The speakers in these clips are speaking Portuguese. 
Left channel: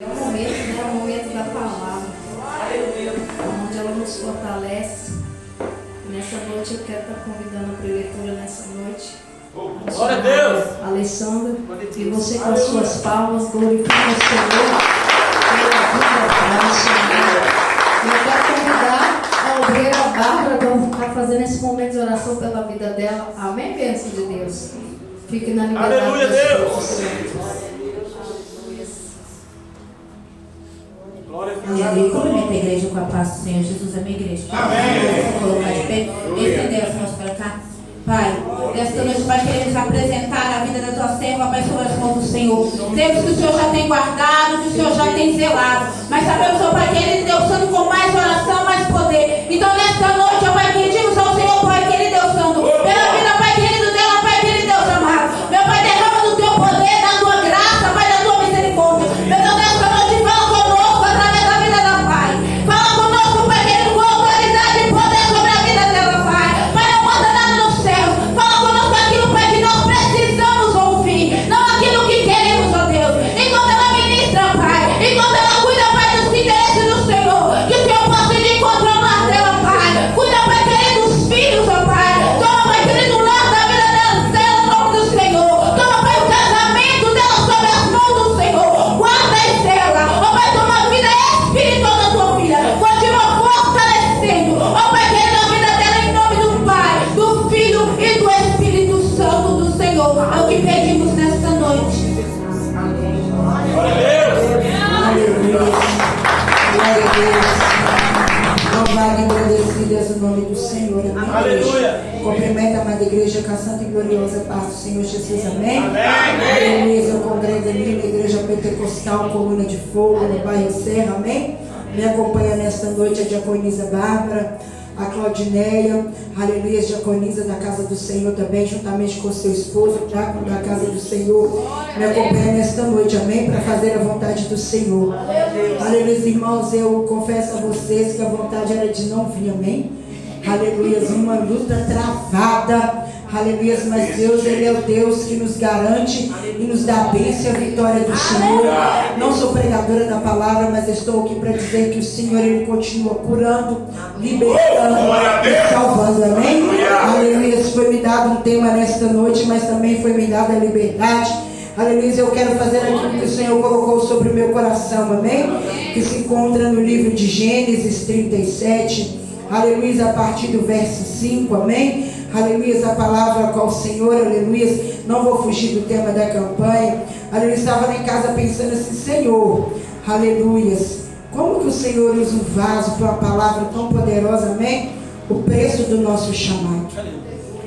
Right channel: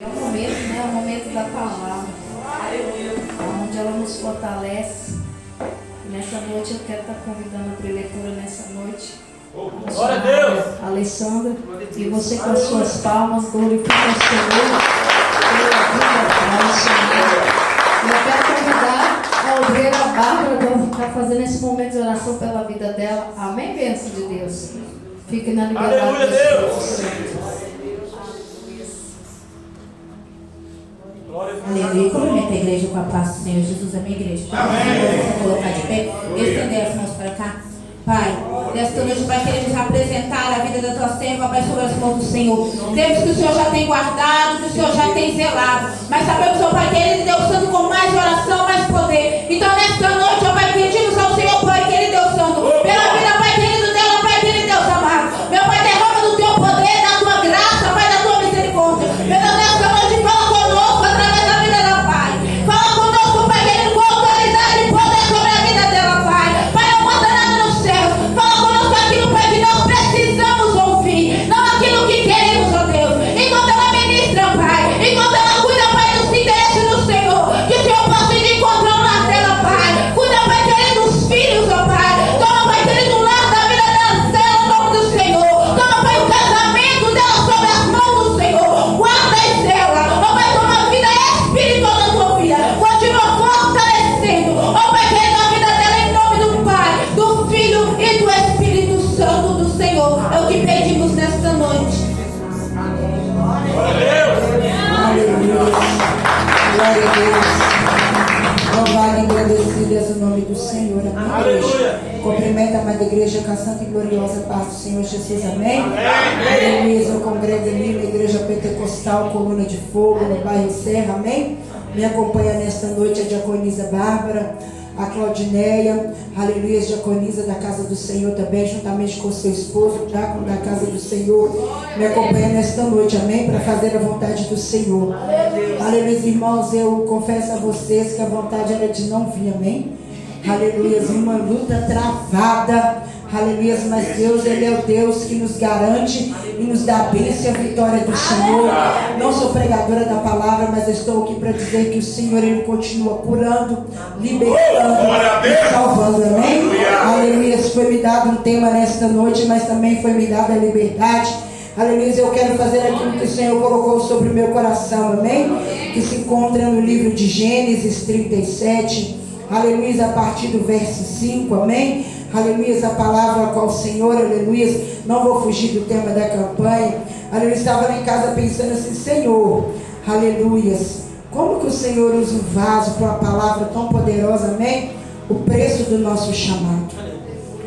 É o momento, né? É o momento da palavra, onde ela nos fortalece. E nessa noite eu quero estar convidando a preletura nessa noite. Glória a Deus! Alessandra, e você com as suas palmas, glorifica o Senhor pela vida, Senhor. E eu quero convidar a obreira Bárbara para estar fazendo esse momento de oração pela vida dela. Amém, bênção de Deus. Fique na liberdade. Aleluia, Deus! Aleluia. Cumprimenta a igreja com a paz do Senhor Jesus, a minha igreja. Amém. Vamos colocar de pé. Estender as mãos para cá. Pai, nesta noite, Pai, queremos apresentar a vida da tua serva, Pai, sobre as mãos do Senhor. Temos que o Senhor já tem guardado, que o Senhor já tem zelado. Mas sabemos, Senhor, Pai, que Ele deu santo com mais oração, mais poder. Então, nesta noite, ó Pai, pedimos ao Senhor, Pai, que Ele deu santo. Pela vida, Pai, querido dela, Pai, que Ele deu amado. Meu Pai, derrama do teu poder, da tua graça, Pai, da tua misericórdia. Meu Deus, nesta noite, fala conosco através da vida da Pai. Fala conosco, Pai, querido, com autoridade e poder sobre a vida dela, Pai. Pai, não manda nada nos céus. Fala conosco aquilo, Pai, que nós precisamos ouvir. Não aquilo que queremos, ó Deus. Enquanto ela ministra, Pai. Enquanto ela cuida, Pai, dos interesses do Senhor. Que o Senhor possa ir de encontro na tela, Pai. Cuida, Pai, querido, dos filhos, ó Pai. Toma, Pai, querido, o lado da vida dela, em nome do Senhor. Toma, Pai, o casamento dela sob as mãos do Senhor. Guarda a estrela. Ó Pai, toma a vida espiritual da tua filha. Continua fortalecendo. Ó Pai, querido, a vida dela em nome do Pai, do Filho e do Espírito Santo do Senhor. É o que pedimos nesta noite. Aleluia. Glória a Deus. Louvado e agradecido é o nome do Senhor. Amém. Aleluia. Cumprimento a amada igreja com a santa e gloriosa paz do Senhor Jesus. Amém. Aleluia. Eu congrego ali na igreja pentecostal, coluna de fogo, no bairro Serra. Amém. Me acompanha nesta noite a diaconisa Bárbara, a Claudineia, aleluia, diaconisa da casa do Senhor também, juntamente com seu esposo, diácono da casa do Senhor, me acompanha nesta noite, amém, para fazer a vontade do Senhor. Aleluia, irmãos, eu confesso a vocês que a vontade era de não vir, amém. Aleluia, uma luta travada, aleluia, mas Deus, Ele é o Deus que nos garante e nos dá a bênção e a vitória do Senhor. Não sou pregadora da palavra, mas estou aqui para dizer que o Senhor, Ele continua curando, libertando e salvando, amém? Aleluia, foi me dado um tema nesta noite, mas também foi me dada a liberdade. Aleluia, eu quero fazer aquilo que o Senhor colocou sobre o meu coração, amém? Que se encontra no livro de Gênesis 37, aleluia, a partir do verso 5, amém? Aleluia, a palavra com o Senhor, aleluia, não vou fugir do tema da campanha, aleluia, estava lá em casa pensando assim, Senhor, aleluia, como que o Senhor usa um vaso para uma palavra tão poderosa, amém? O preço do nosso chamado.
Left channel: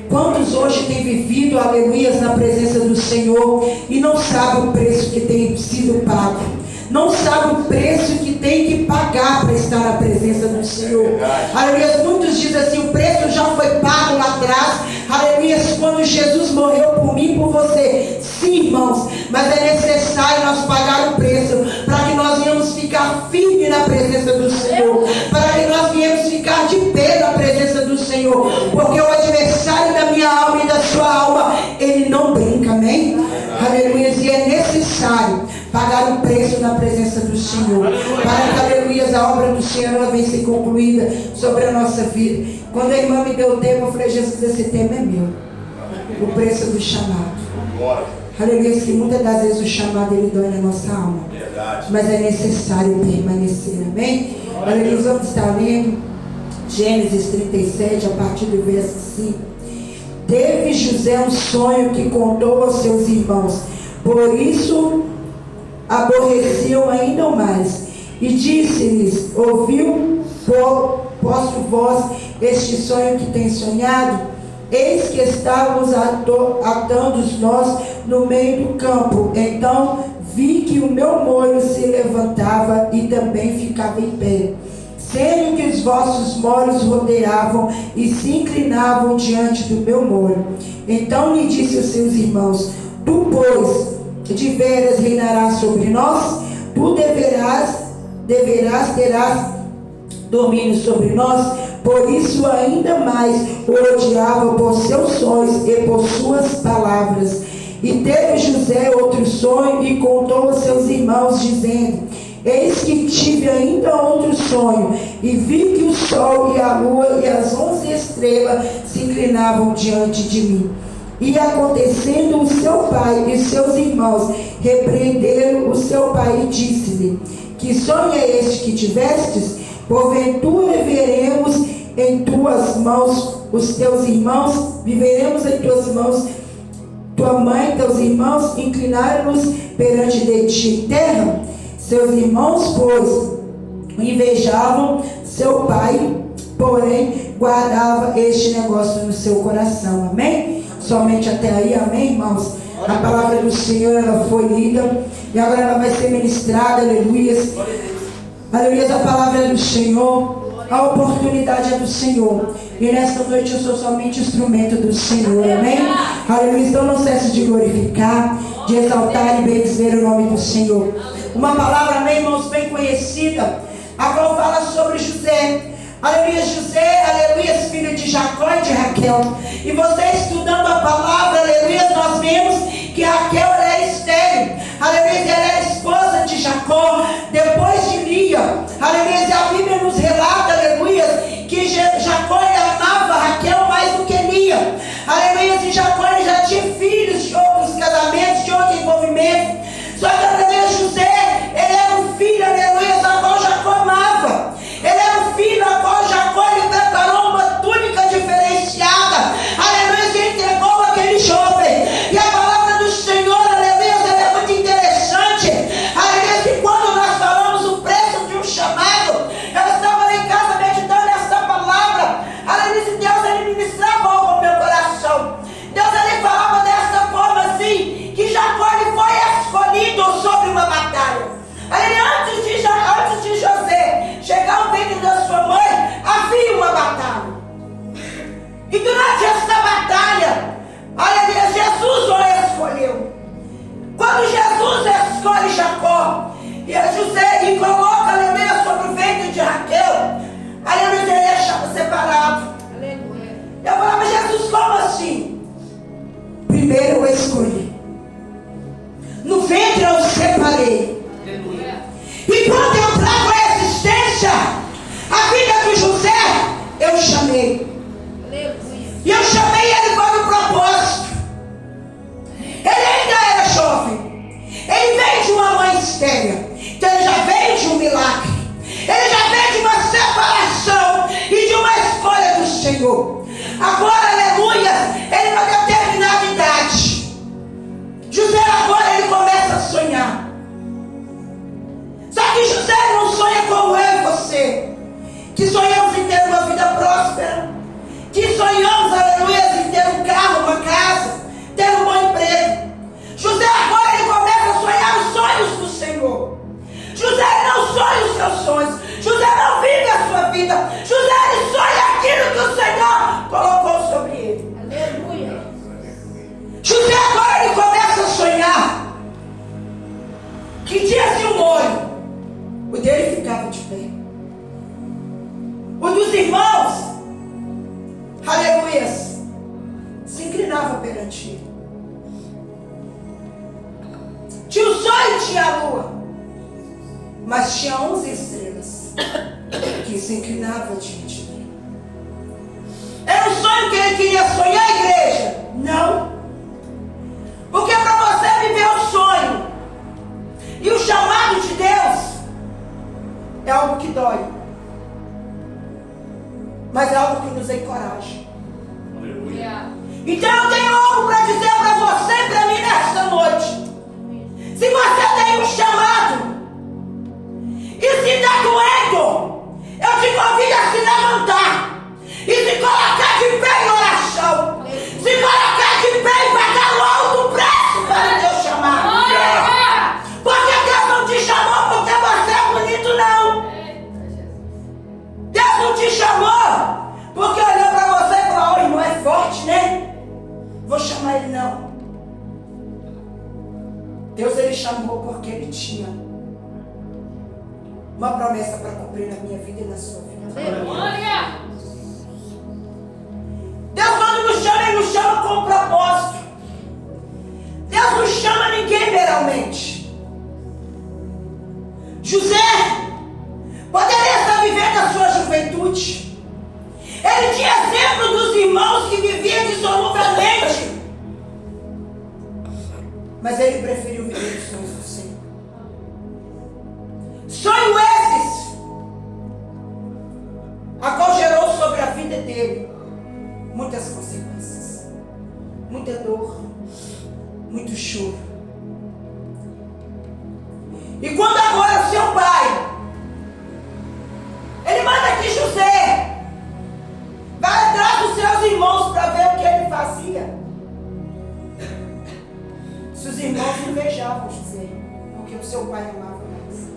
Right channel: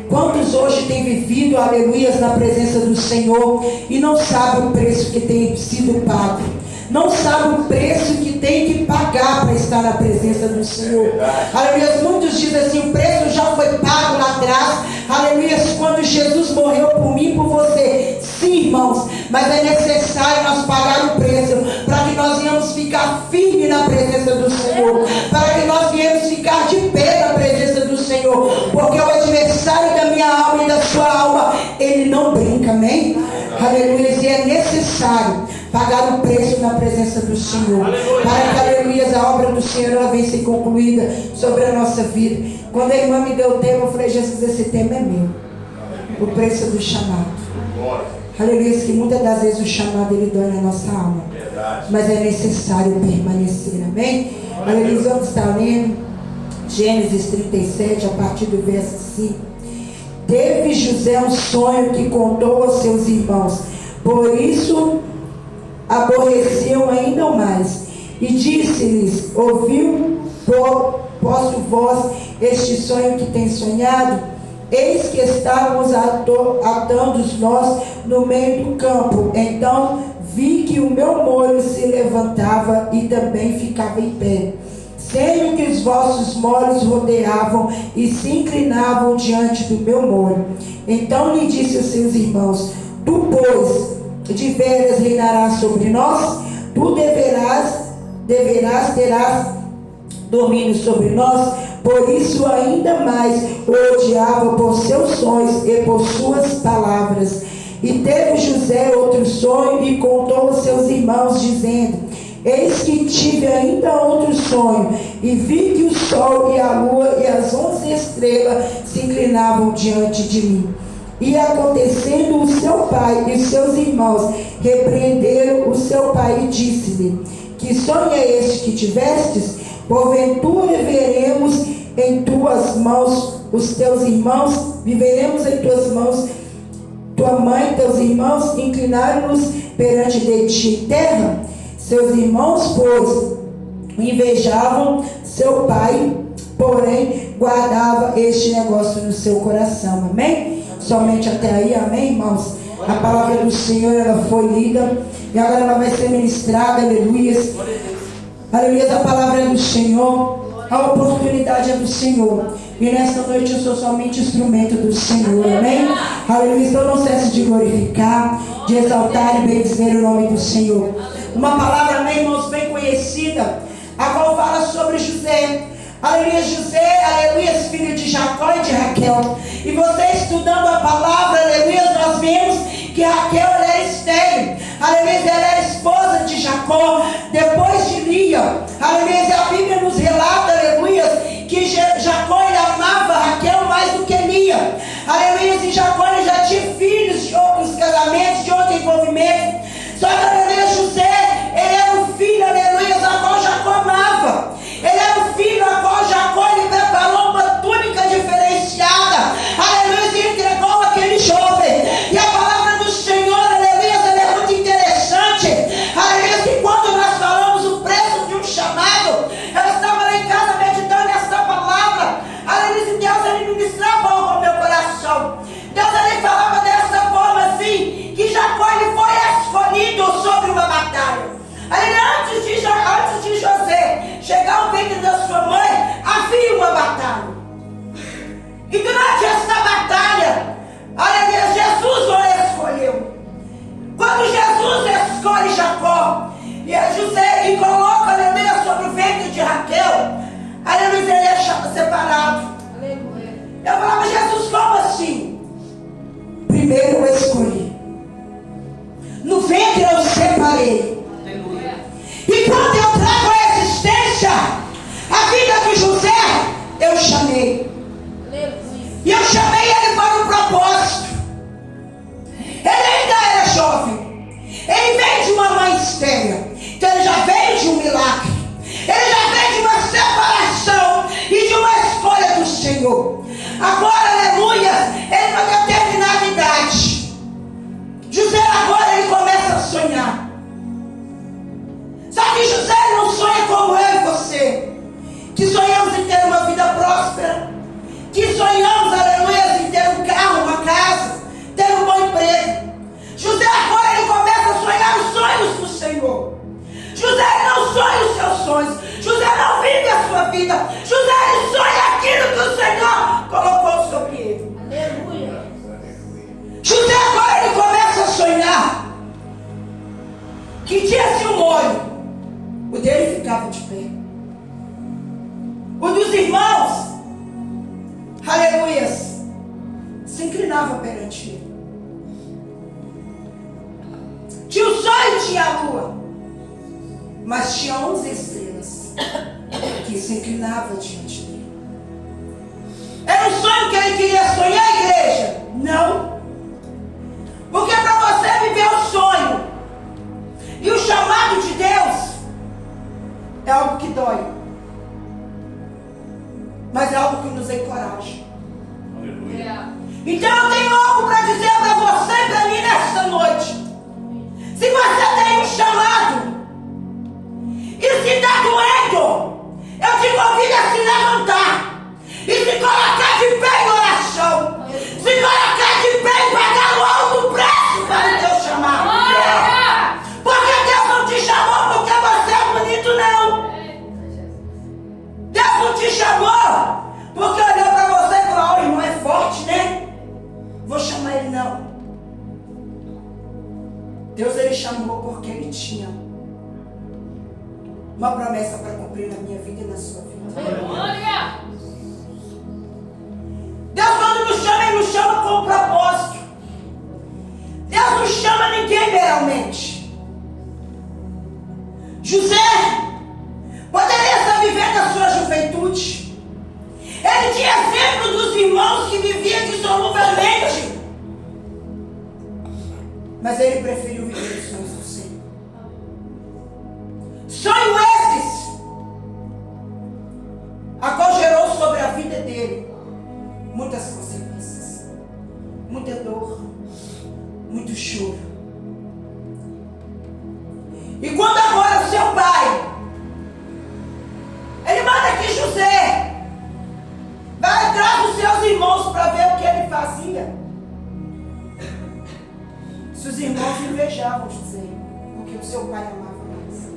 Quantos hoje têm vivido, aleluia, na presença do Senhor e não sabem o preço que tem sido pago? Não sabe o preço que tem que pagar para estar na presença do Senhor. Aleluia. Muitos dizem assim, o preço já foi pago lá atrás. Aleluia. Quando Jesus morreu por mim e por você. Sim, irmãos. Mas é necessário nós pagar o preço para que nós venhamos ficar firmes na presença do Senhor. Para que nós venhamos ficar de pé na presença do Senhor. Porque o adversário da minha alma e da sua alma, ele não brinca, amém? Aleluia. E é necessário pagar o preço na presença do Senhor, para que, aleluia, a obra do Senhor ela venha ser concluída sobre a nossa vida. Quando a irmã me deu o tema, eu falei, Jesus, esse tema é meu, o preço do chamado. Aleluia, que muitas das vezes o chamado ele dói na nossa alma, mas é necessário permanecer, amém? Aleluia, vamos estar lendo Gênesis 37, a partir do verso 5. Teve José um sonho que contou aos seus irmãos, por isso aborreciam ainda mais, e disse-lhes, ouviu posso vós este sonho que tem sonhado? Eis que estávamos atando nós no meio do campo, então vi que o meu molho se levantava e também ficava em pé, sendo que os vossos molhos rodeavam e se inclinavam diante do meu molho. Então lhe disse aos seus irmãos, tu, pois, de veras reinarás sobre nós, tu terás domínio sobre nós. Por isso ainda mais o odiava por seus sonhos e por suas palavras. E teve José outro sonho e contou aos seus irmãos, dizendo: Eis que tive ainda outro sonho, e vi que o sol e a lua e as 11 estrelas se inclinavam diante de mim. E acontecendo, o seu pai e seus irmãos repreenderam o seu pai e disse-lhe: que sonho é este que tivestes? Porventura veremos em tuas mãos os teus irmãos, viveremos em tuas mãos, tua mãe e teus irmãos inclinaram-nos perante de ti em terra. Seus irmãos, pois, o invejavam seu pai, porém guardava este negócio no seu coração. Amém? Somente até aí, amém, irmãos? A palavra do Senhor, ela foi lida e agora ela vai ser ministrada, aleluias. Aleluias, a palavra é do Senhor, a oportunidade é do Senhor. E nesta noite eu sou somente instrumento do Senhor, amém? Aleluia, então não cesse de glorificar, de exaltar e bendizer o nome do Senhor. Uma palavra, amém, irmãos, bem conhecida, a qual fala sobre José. Aleluia, José, aleluia, filho de Jacó e de Raquel. E você estudando a palavra, aleluia, nós vemos que Raquel ela era estéril. Aleluia, ela era esposa de Jacó, depois de Lia. Aleluia, e a Bíblia nos relata, aleluia, que Jacó ele amava Raquel mais do que Lia. Aleluia, e Jacó ele já tinha filhos de outros casamentos, de outros envolvimentos. Só que, aleluia, José, ele era um filho, aleluia, a qual Jacó amava. Ele era um filho a qual Jacó ele preparou uma túnica diferenciada. Aleluia, e entregou aquele jovem. E a palavra do Senhor, aleluia, ela é muito interessante. Aleluia, que quando nós falamos o preço de um chamado, eu estava lá em casa meditando essa palavra. Aleluia, e Deus ele ministrava algo ao meu coração. Deus ele falava dessa forma assim, que Jacó ele foi escolhido sobre uma batalha. Antes de José chegar ao ventre da sua mãe, havia uma batalha. E durante essa batalha, aleluia, Jesus o escolheu. Quando Jesus escolhe Jacó, e José lhe coloca, aleluia, sobre o ventre de Raquel, aleluia, ele é separado. Aleluia. Eu falava, Jesus, como assim? Primeiro eu escolhi, no ventre eu separei. E quando eu trago a existência, a vida de José, eu chamei. E eu chamei ele para um propósito. Ele ainda era jovem. Ele veio de uma mãe estéril. Então ele já veio de um milagre. Ele já veio de uma separação e de uma escolha do Senhor. Agora, aleluia, ele vai ter determinada idade. José agora ele começa a sonhar. Só que José não sonha como eu e você, que sonhamos em ter uma vida próspera, que sonhamos, aleluia, em ter um carro, uma casa, ter um bom emprego. José agora ele começa a sonhar os sonhos do Senhor. José não sonha os seus sonhos. José não vive a sua vida. José ele sonha aquilo que o Senhor colocou sobre ele. Aleluia. José agora ele começa a sonhar que tinha-se um molho. O dele ficava de pé. O dos irmãos, aleluia, se inclinava perante ele. Tinha o sol e tinha a lua, mas tinha 11 estrelas que se inclinavam diante dele. Era um sonho que ele queria sonhar, igreja? Não. Porque para você viver o sonho e o chamado de Deus, é algo que dói, mas é algo que nos encoraja. Aleluia. Então eu tenho algo para dizer para você e para mim nesta noite. Se você tem um chamado e se está doendo, eu te convido a se levantar e se colocar de pé em oração, se colocar de pé e pagar o alto preço para o teu chamado. Porque Deus não te chamou porque você é bonito, não. Deus não te chamou porque olhou para você e falou: o irmão é forte, né? Vou chamar ele, não. Deus ele chamou porque ele tinha uma promessa para cumprir na minha vida e na sua vida. Aleluia. Deus quando nos chama, ele nos chama com um propósito. Deus não chama ninguém meramente. José poderia estar vivendo a sua juventude. Ele tinha exemplo dos irmãos que viviam dissoluvelmente. Mas ele preferiu viver os sonhos do Senhor. Sonho esses a qual gerou sobre a vida dele muitas consequências, muita dor, muito choro. E quando agora seu pai, ele manda que José vai atrás dos seus irmãos para ver o que ele fazia. Seus irmãos invejavam José, porque o seu pai amava mais.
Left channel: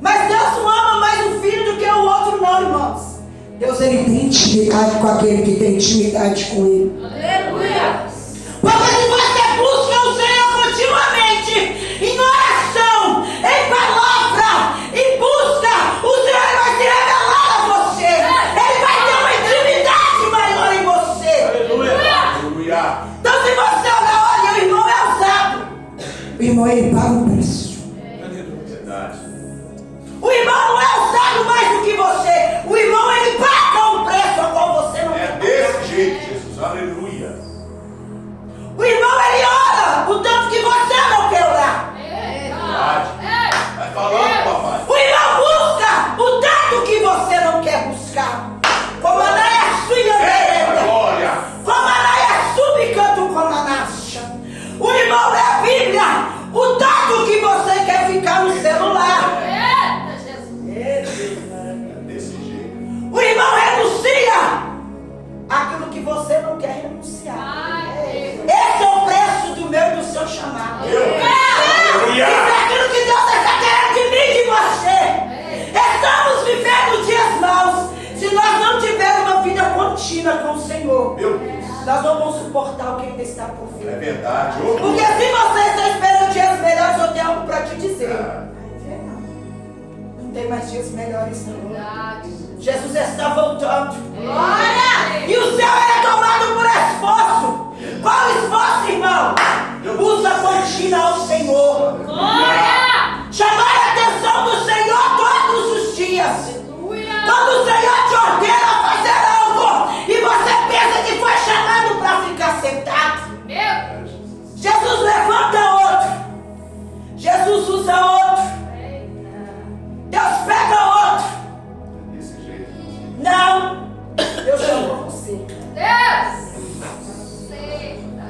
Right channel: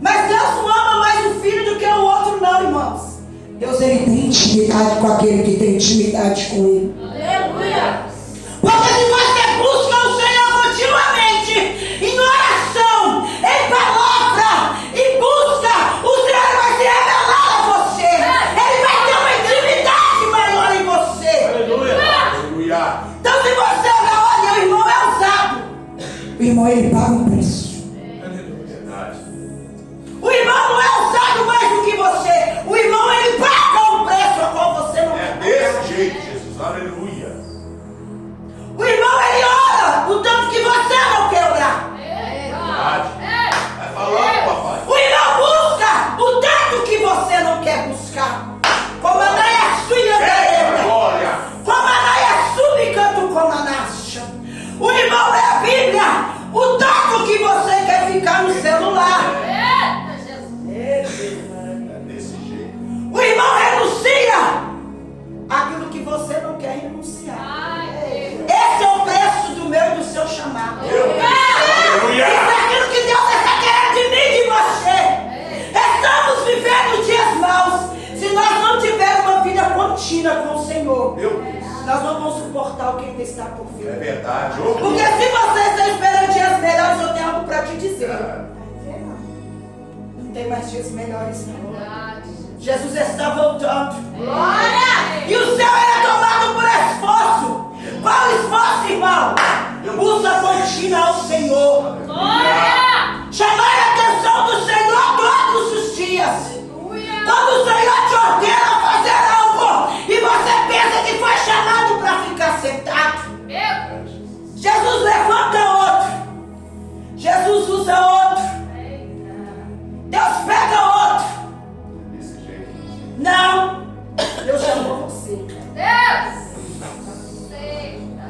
Mas Deus não ama mais o filho do que o outro, não, irmãos. Deus, ele tem intimidade com aquele que tem intimidade com ele. Aleluia. Porque se você busca o Senhor continuamente, em oração, em palavra, em busca, o Senhor vai se revelar a você. Ele vai ter uma intimidade maior em você. Aleluia. Então se você olha, o irmão é usado. O irmão, ele paga um preço. Verdade. O irmão não é usado mais do que você. O irmão, ele paga um preço a qual você não É paga. desse jeito, Jesus. Aleluia. O irmão, ele ora o tanto que você não quer orar. Verdade. Vai falando, papai. O irmão busca o tanto que você não quer buscar. Como a naia sua Glória. como a naia subicanto como a nasha. O irmão é a Bíblia. O tanto que você quer ficar no celular. É desse jeito. O irmão renuncia aquilo que você não quer renunciar. Esse é o preço do meu e do seu chamado. Aleluia. Isso é aquilo que Deus está querendo de mim e de você. Estamos vivendo dias maus. Se nós não tivermos uma vida contínua com o Senhor, Meu Deus. nós não vamos suportar o que ainda está por vir. É verdade. Porque se você está esperando dias melhores, eu tenho algo para te dizer. Não tem mais dias melhores, não. Jesus está voltando. E o céu é tomado por esforço. Qual esforço, irmão? Usa contínua ao Senhor. Chamar a atenção do Senhor todos os dias. Quando o Senhor te ordena a fazer algo e você pensa que foi chamado para ficar sentado, Jesus levanta outro. Jesus usa outro. Deus pega outro. Desse jeito. Não, Deus chamou você.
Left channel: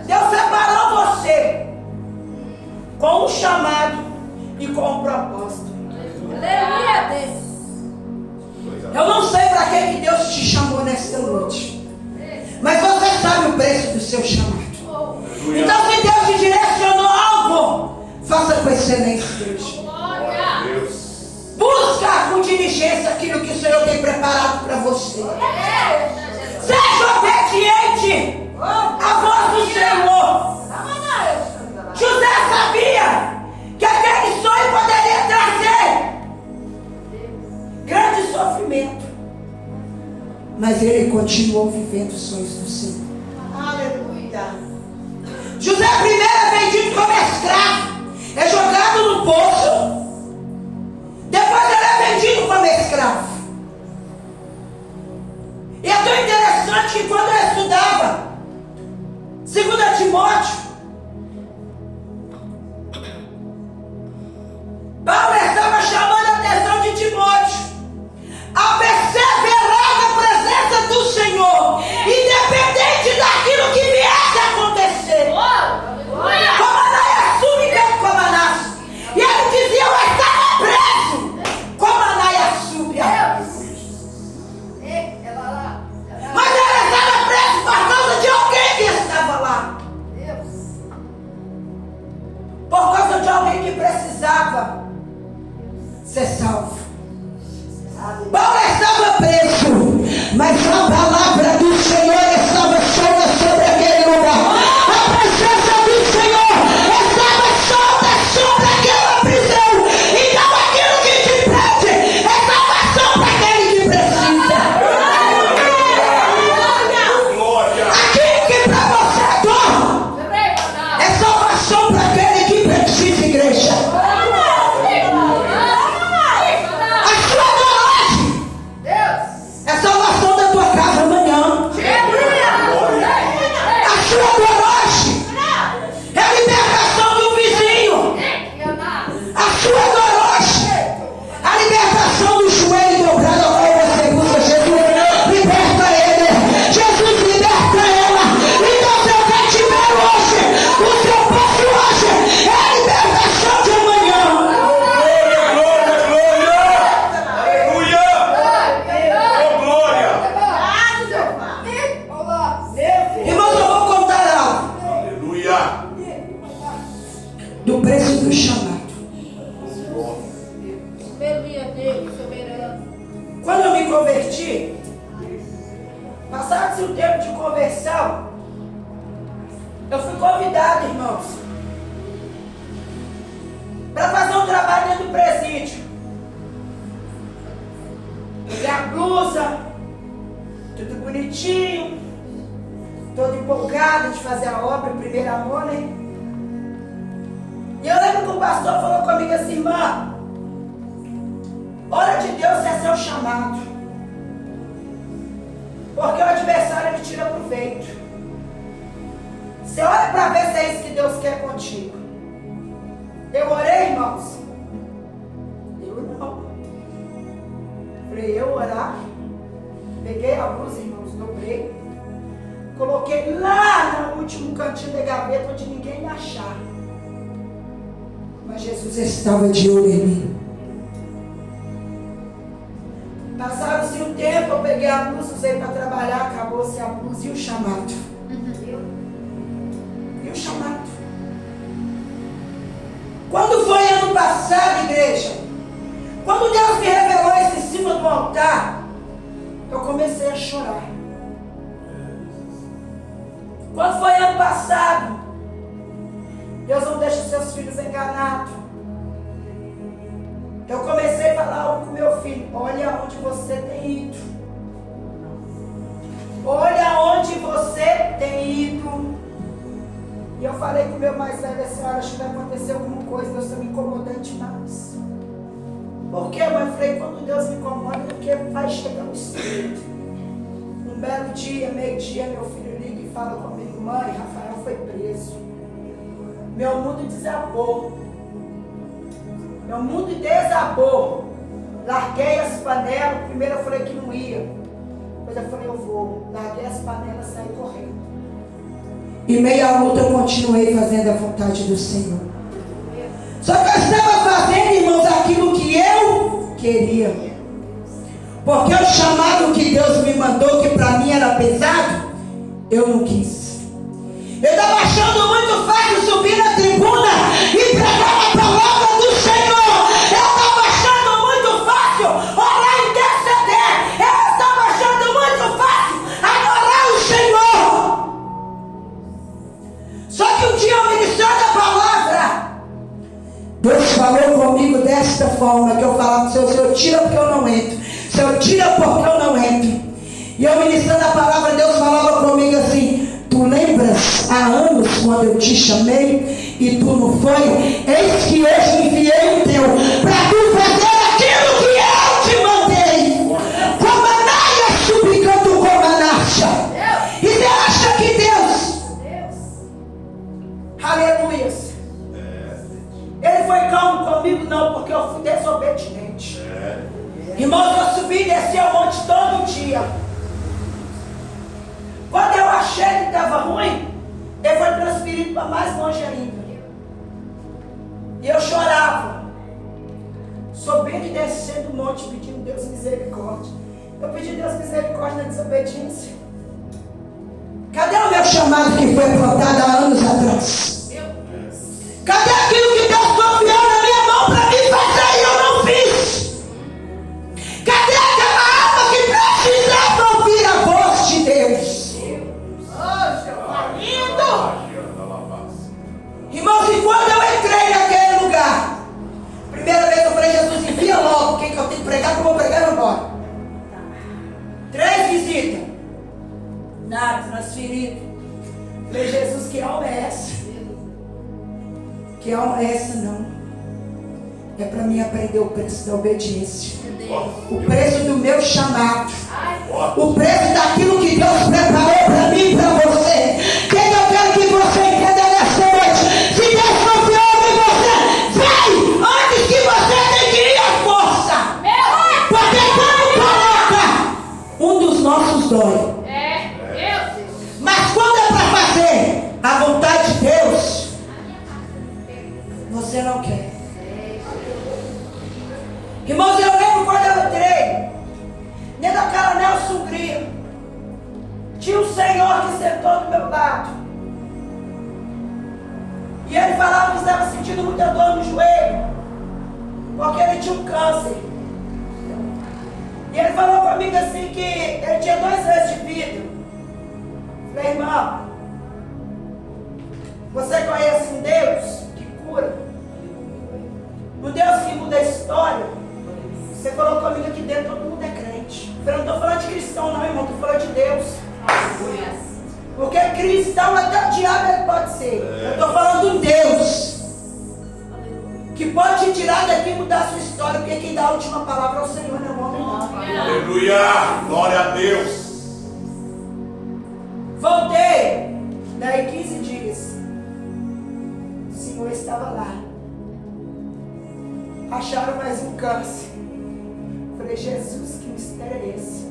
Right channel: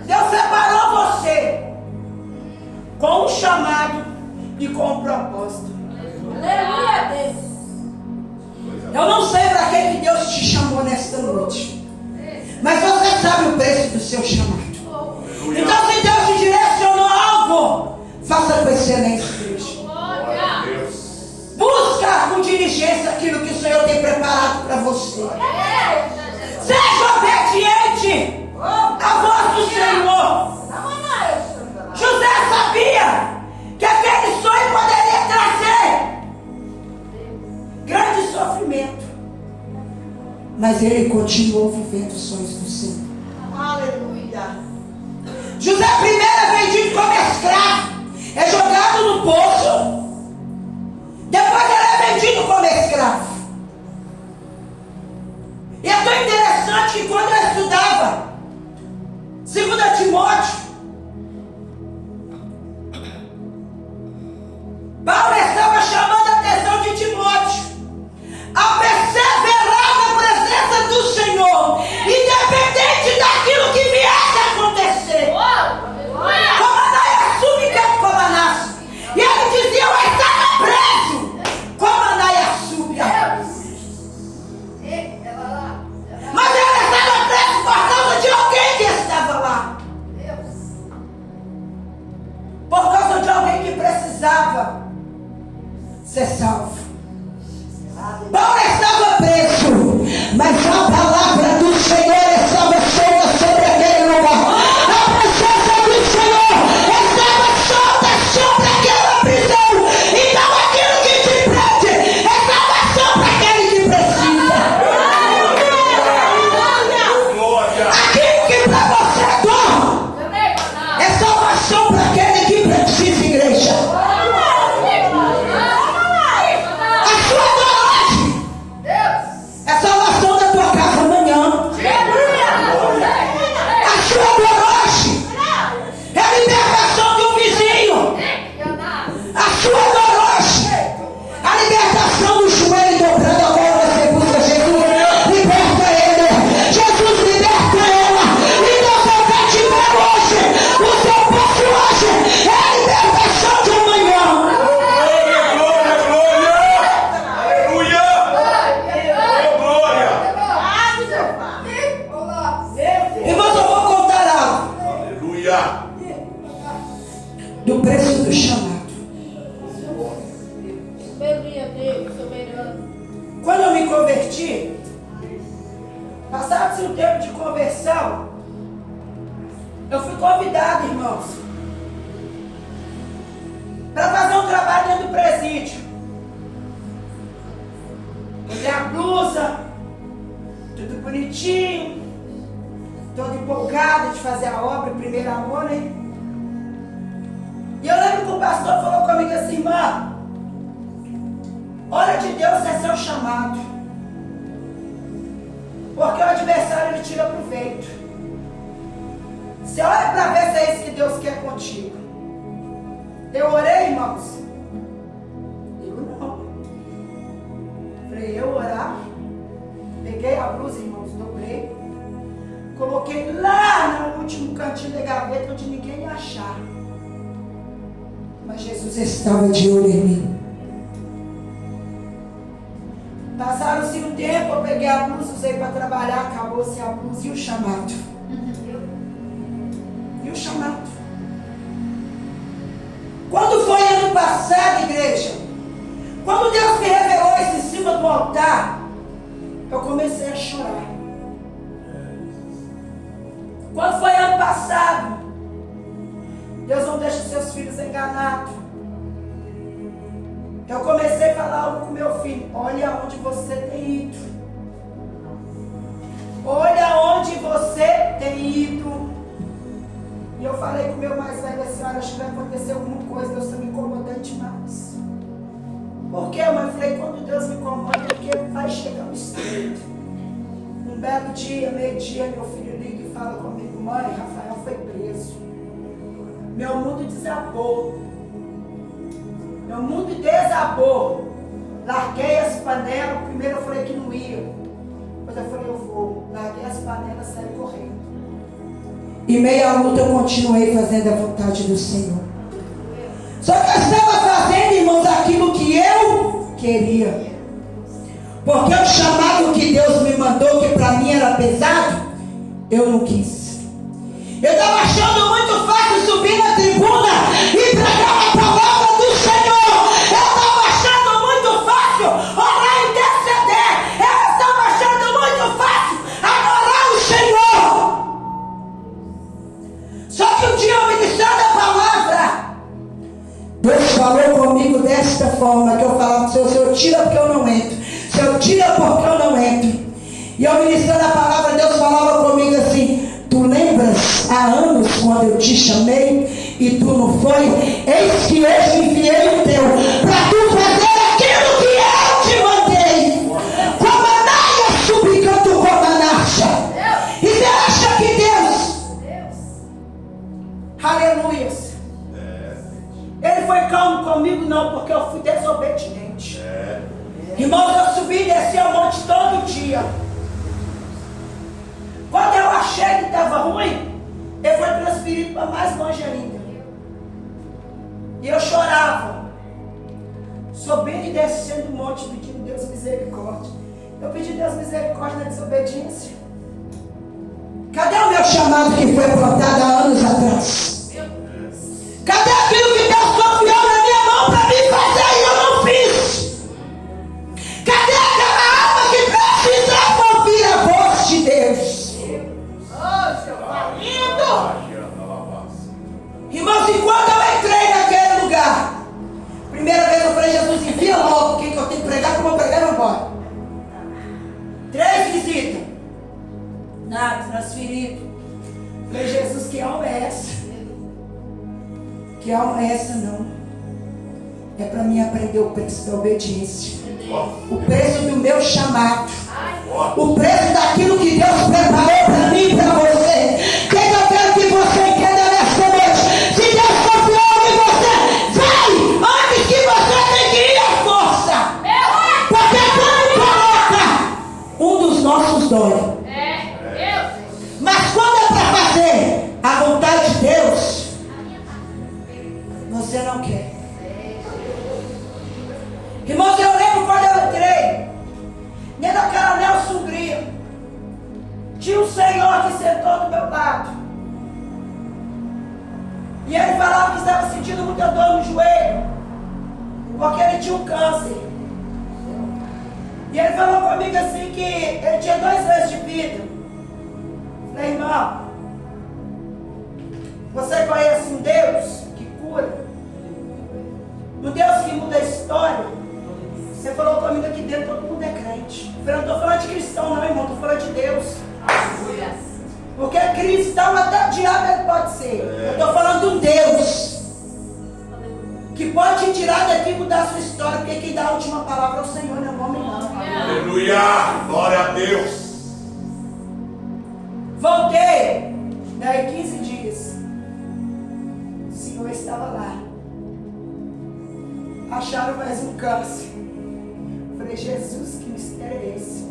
Deus separou você com um chamado e com um propósito. Aleluia, Deus. Eu não sei para que Deus te chamou nesta noite, mas você sabe o preço do seu chamado. Aleluia. Então, se Deus te direcionou algo, faça com excelência, Deus. Glória a Deus. Busca com diligência aquilo que o Senhor tem preparado para você. Seja obediente à voz do Senhor. José sabia que aquele sonho poderia trazer grande sofrimento, mas ele continuou vivendo os sonhos do Senhor. Aleluia. José primeiro é vendido como escravo, é jogado no poço. Depois ele é vendido como escravo. E é tão interessante que quando ele estudava 2 Timóteo, Paulo estava chamando a atenção de Timóteo a perseverar na presença do Senhor, independente daquilo que viesse a acontecer. Como Anaia súbia, como Anás. E ele dizia: eu estava preso como Anaia súbia. Mas ele estava preso por causa de alguém que estava lá. Por causa de alguém que precisava ser salvo. Paulo estava preso, mas a palavra do Senhor estava solta sobre aquele lugar. A presença do Senhor estava solta sobre aquela prisão. Então aquilo que te prende é salvação para aquele que precisa. Aquilo que para você dói é salvação para aquele que precisa, igreja. Aleluia, Deus, soberano. Quando eu me converti, passado-se um tempo de conversão, eu fui convidado, irmãos, para fazer um trabalho dentro do presídio. Peguei a blusa, tudo bonitinho, todo empolgado de fazer a obra, o primeiro amor, né? E eu lembro que o pastor falou comigo assim: irmã, hora de Deus é seu chamado, porque o adversário ele tira proveito. Você olha para ver se é isso que Deus quer contigo. Eu orei, irmãos? Eu não. Falei, eu orar? Peguei a blusa, irmãos, dobrei, coloquei lá no último cantinho da gaveta onde ninguém ia achar. Mas Jesus estava de olho em mim. Passaram-se um tempo, eu peguei a blusa, usei para trabalhar, acabou-se a blusa e o chamado. E o chamado. Quando foi ano passado, igreja, quando Deus me revelou isso em cima do altar, eu comecei a chorar. Quando foi ano passado, Deus não deixa os seus filhos enganados. Eu comecei a falar algo com meu filho: olha onde você tem ido. Olha onde você tem ido. E eu falei com o meu mais velho assim: olha, acho que vai acontecer alguma coisa, Deus está me incomodando demais. Por quê, mãe? Eu falei: quando Deus me incomoda, é porque vai chegar o Espírito. Um belo dia, meio-dia, meu filho liga e fala comigo: mãe, Rafael foi preso. Meu mundo desabou. Meu mundo desabou. Larguei as panelas. Primeiro eu falei que não ia. Depois eu falei: eu vou. Larguei as panelas e saí correndo. E meio à luta eu continuei fazendo a vontade do Senhor. Só que eu estava fazendo, irmãos, aquilo que eu queria. Porque o chamado que Deus me mandou, que para mim era pesado, eu não quis. Eu estava achando muito fácil subir na tribuna e pregar a palavra do Senhor. Eu estava achando muito fácil orar e interceder. Eu estava achando muito fácil adorar o Senhor. Só que um dia eu ministrando a palavra, Deus falou comigo desta forma, que eu falava: Senhor, tira porque eu não entro. Senhor, tira porque eu não entro. E eu ministrando a palavra, Deus falava comigo assim: tu lembras há anos quando eu te chamei e tu não foi? Eis que eu enviei o teu para tu fazer aquilo que eu te mandei. Como a naia suplicando como a nacha. E você acha que Deus, aleluia, Ele foi calmo comigo? Não, porque eu fui desobediente. Irmãos, eu subi e desci ao monte todo dia. Quando eu achei que estava ruim, ele foi transferido para mais longe ainda. E eu chorava, subindo e descendo o monte, pedindo Deus misericórdia. Eu pedi Deus misericórdia na desobediência. Cadê o meu chamado que foi plantado há anos atrás? Cadê aquilo que Deus confiou na minha mão para mim fazer e eu não fiz? Cadê aquela alma que precisava ouvir a voz de Deus? Irmãos, e quando eu entrei naquele lugar, primeira vez eu falei: Jesus, envia logo o que eu tenho que pregar, que eu vou pregar e vou embora. 3 visitas, nada, transferido. Falei: Jesus, que alma é essa? Que alma é essa? Não. É para mim aprender o preço da obediência, o preço do meu chamado, o preço daquilo que Deus preparou para mim e para você. Que eu quero que você entenda nesta noite: se Deus confiou em você, vai antes que você adquirir a força. Porque quando coloca, um dos nossos dói. Mas quando é para fazer a vontade de Deus, você não quer. Irmãos, eu lembro quando eu entrei dentro daquela Nelson Hungria, tinha um senhor que sentou do meu lado, e ele falava que estava sentindo muita dor no joelho, porque ele tinha um câncer. E ele falou comigo assim que ele tinha 2 anos de vida. Falei, irmão, você conhece um Deus que cura? Um Deus que muda a história? Você falou comigo aqui dentro, todo mundo é crente. Eu não estou falando de cristão não, irmão, estou falando de Deus. Porque cristão até o diabo ele pode ser. Eu estou falando de um Deus que pode te tirar daqui e mudar a sua história. Porque quem dá a última palavra é o Senhor, não é o homem não. Aleluia! Glória a Deus! Voltei. Daí 15 dias. O Senhor estava lá. Acharam mais um câncer. Falei, Jesus, que mistério é esse?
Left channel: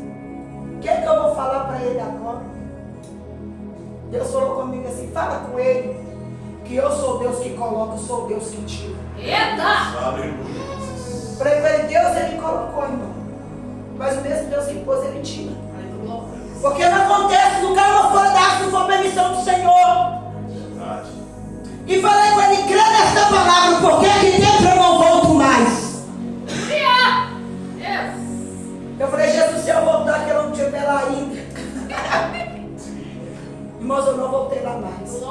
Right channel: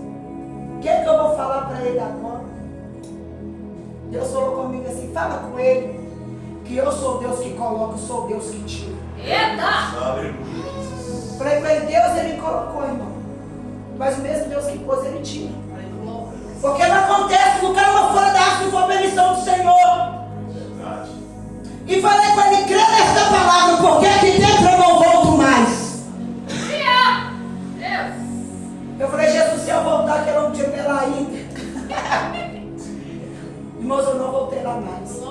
O que é que eu vou falar para ele agora? Deus falou comigo assim, fala com ele que eu sou Deus que coloca, eu sou Deus que tira. Eita! Aleluia! Falei para ele, Deus ele colocou, irmão. Mas o mesmo Deus que pôs, ele tira. Porque não acontece, no cara fora da arte, não for permissão do Senhor. Verdade. E falei com ele, crê nessa palavra, porque aqui dentro eu não volto mais. Eu falei, Jesus, se eu voltar, que eu não estiver lá ainda. Irmãos, eu não voltei lá mais.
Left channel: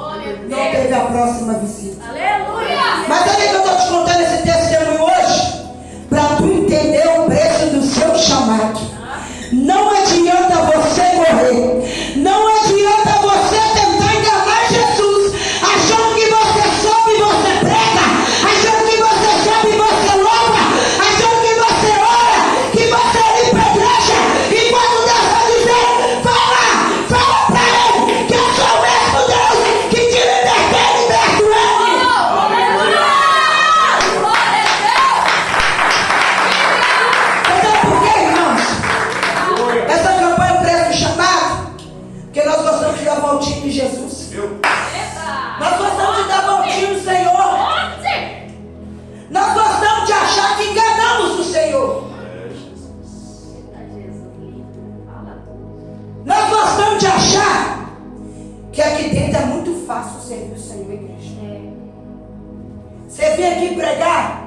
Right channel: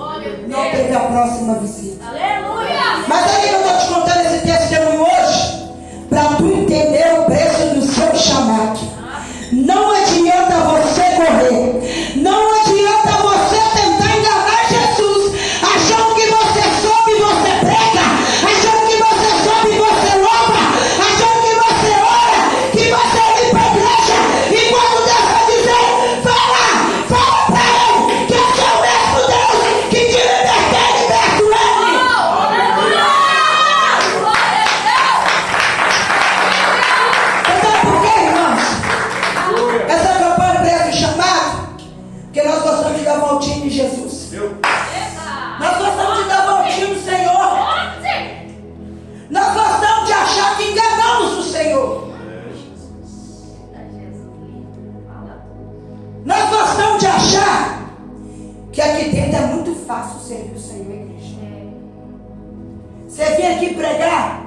Não teve a próxima visita. Aleluia! Mas aí eu estou te contando esse testemunho hoje, para tu entender o preço do seu chamado. Não adianta você correr. Não adianta você tentar enganar Jesus, achando que você sobe e você prega, achando que você sobe e você louva, achando que você ora, que você vem para a igreja, e quando Deus vai dizer, fala para ele, que eu sou o mesmo Deus, que te liberta e liberta ele. Sabe por quê, irmãos? Essa campanha preço do chamado, porque nós gostamos de dar voltinha em Jesus. Nós gostamos de dar voltinha no Senhor. Nós gostamos de achar que enganamos o Senhor. Nós gostamos de achar que aqui dentro é muito fácil servir o Senhor, igreja. Você vem aqui pregar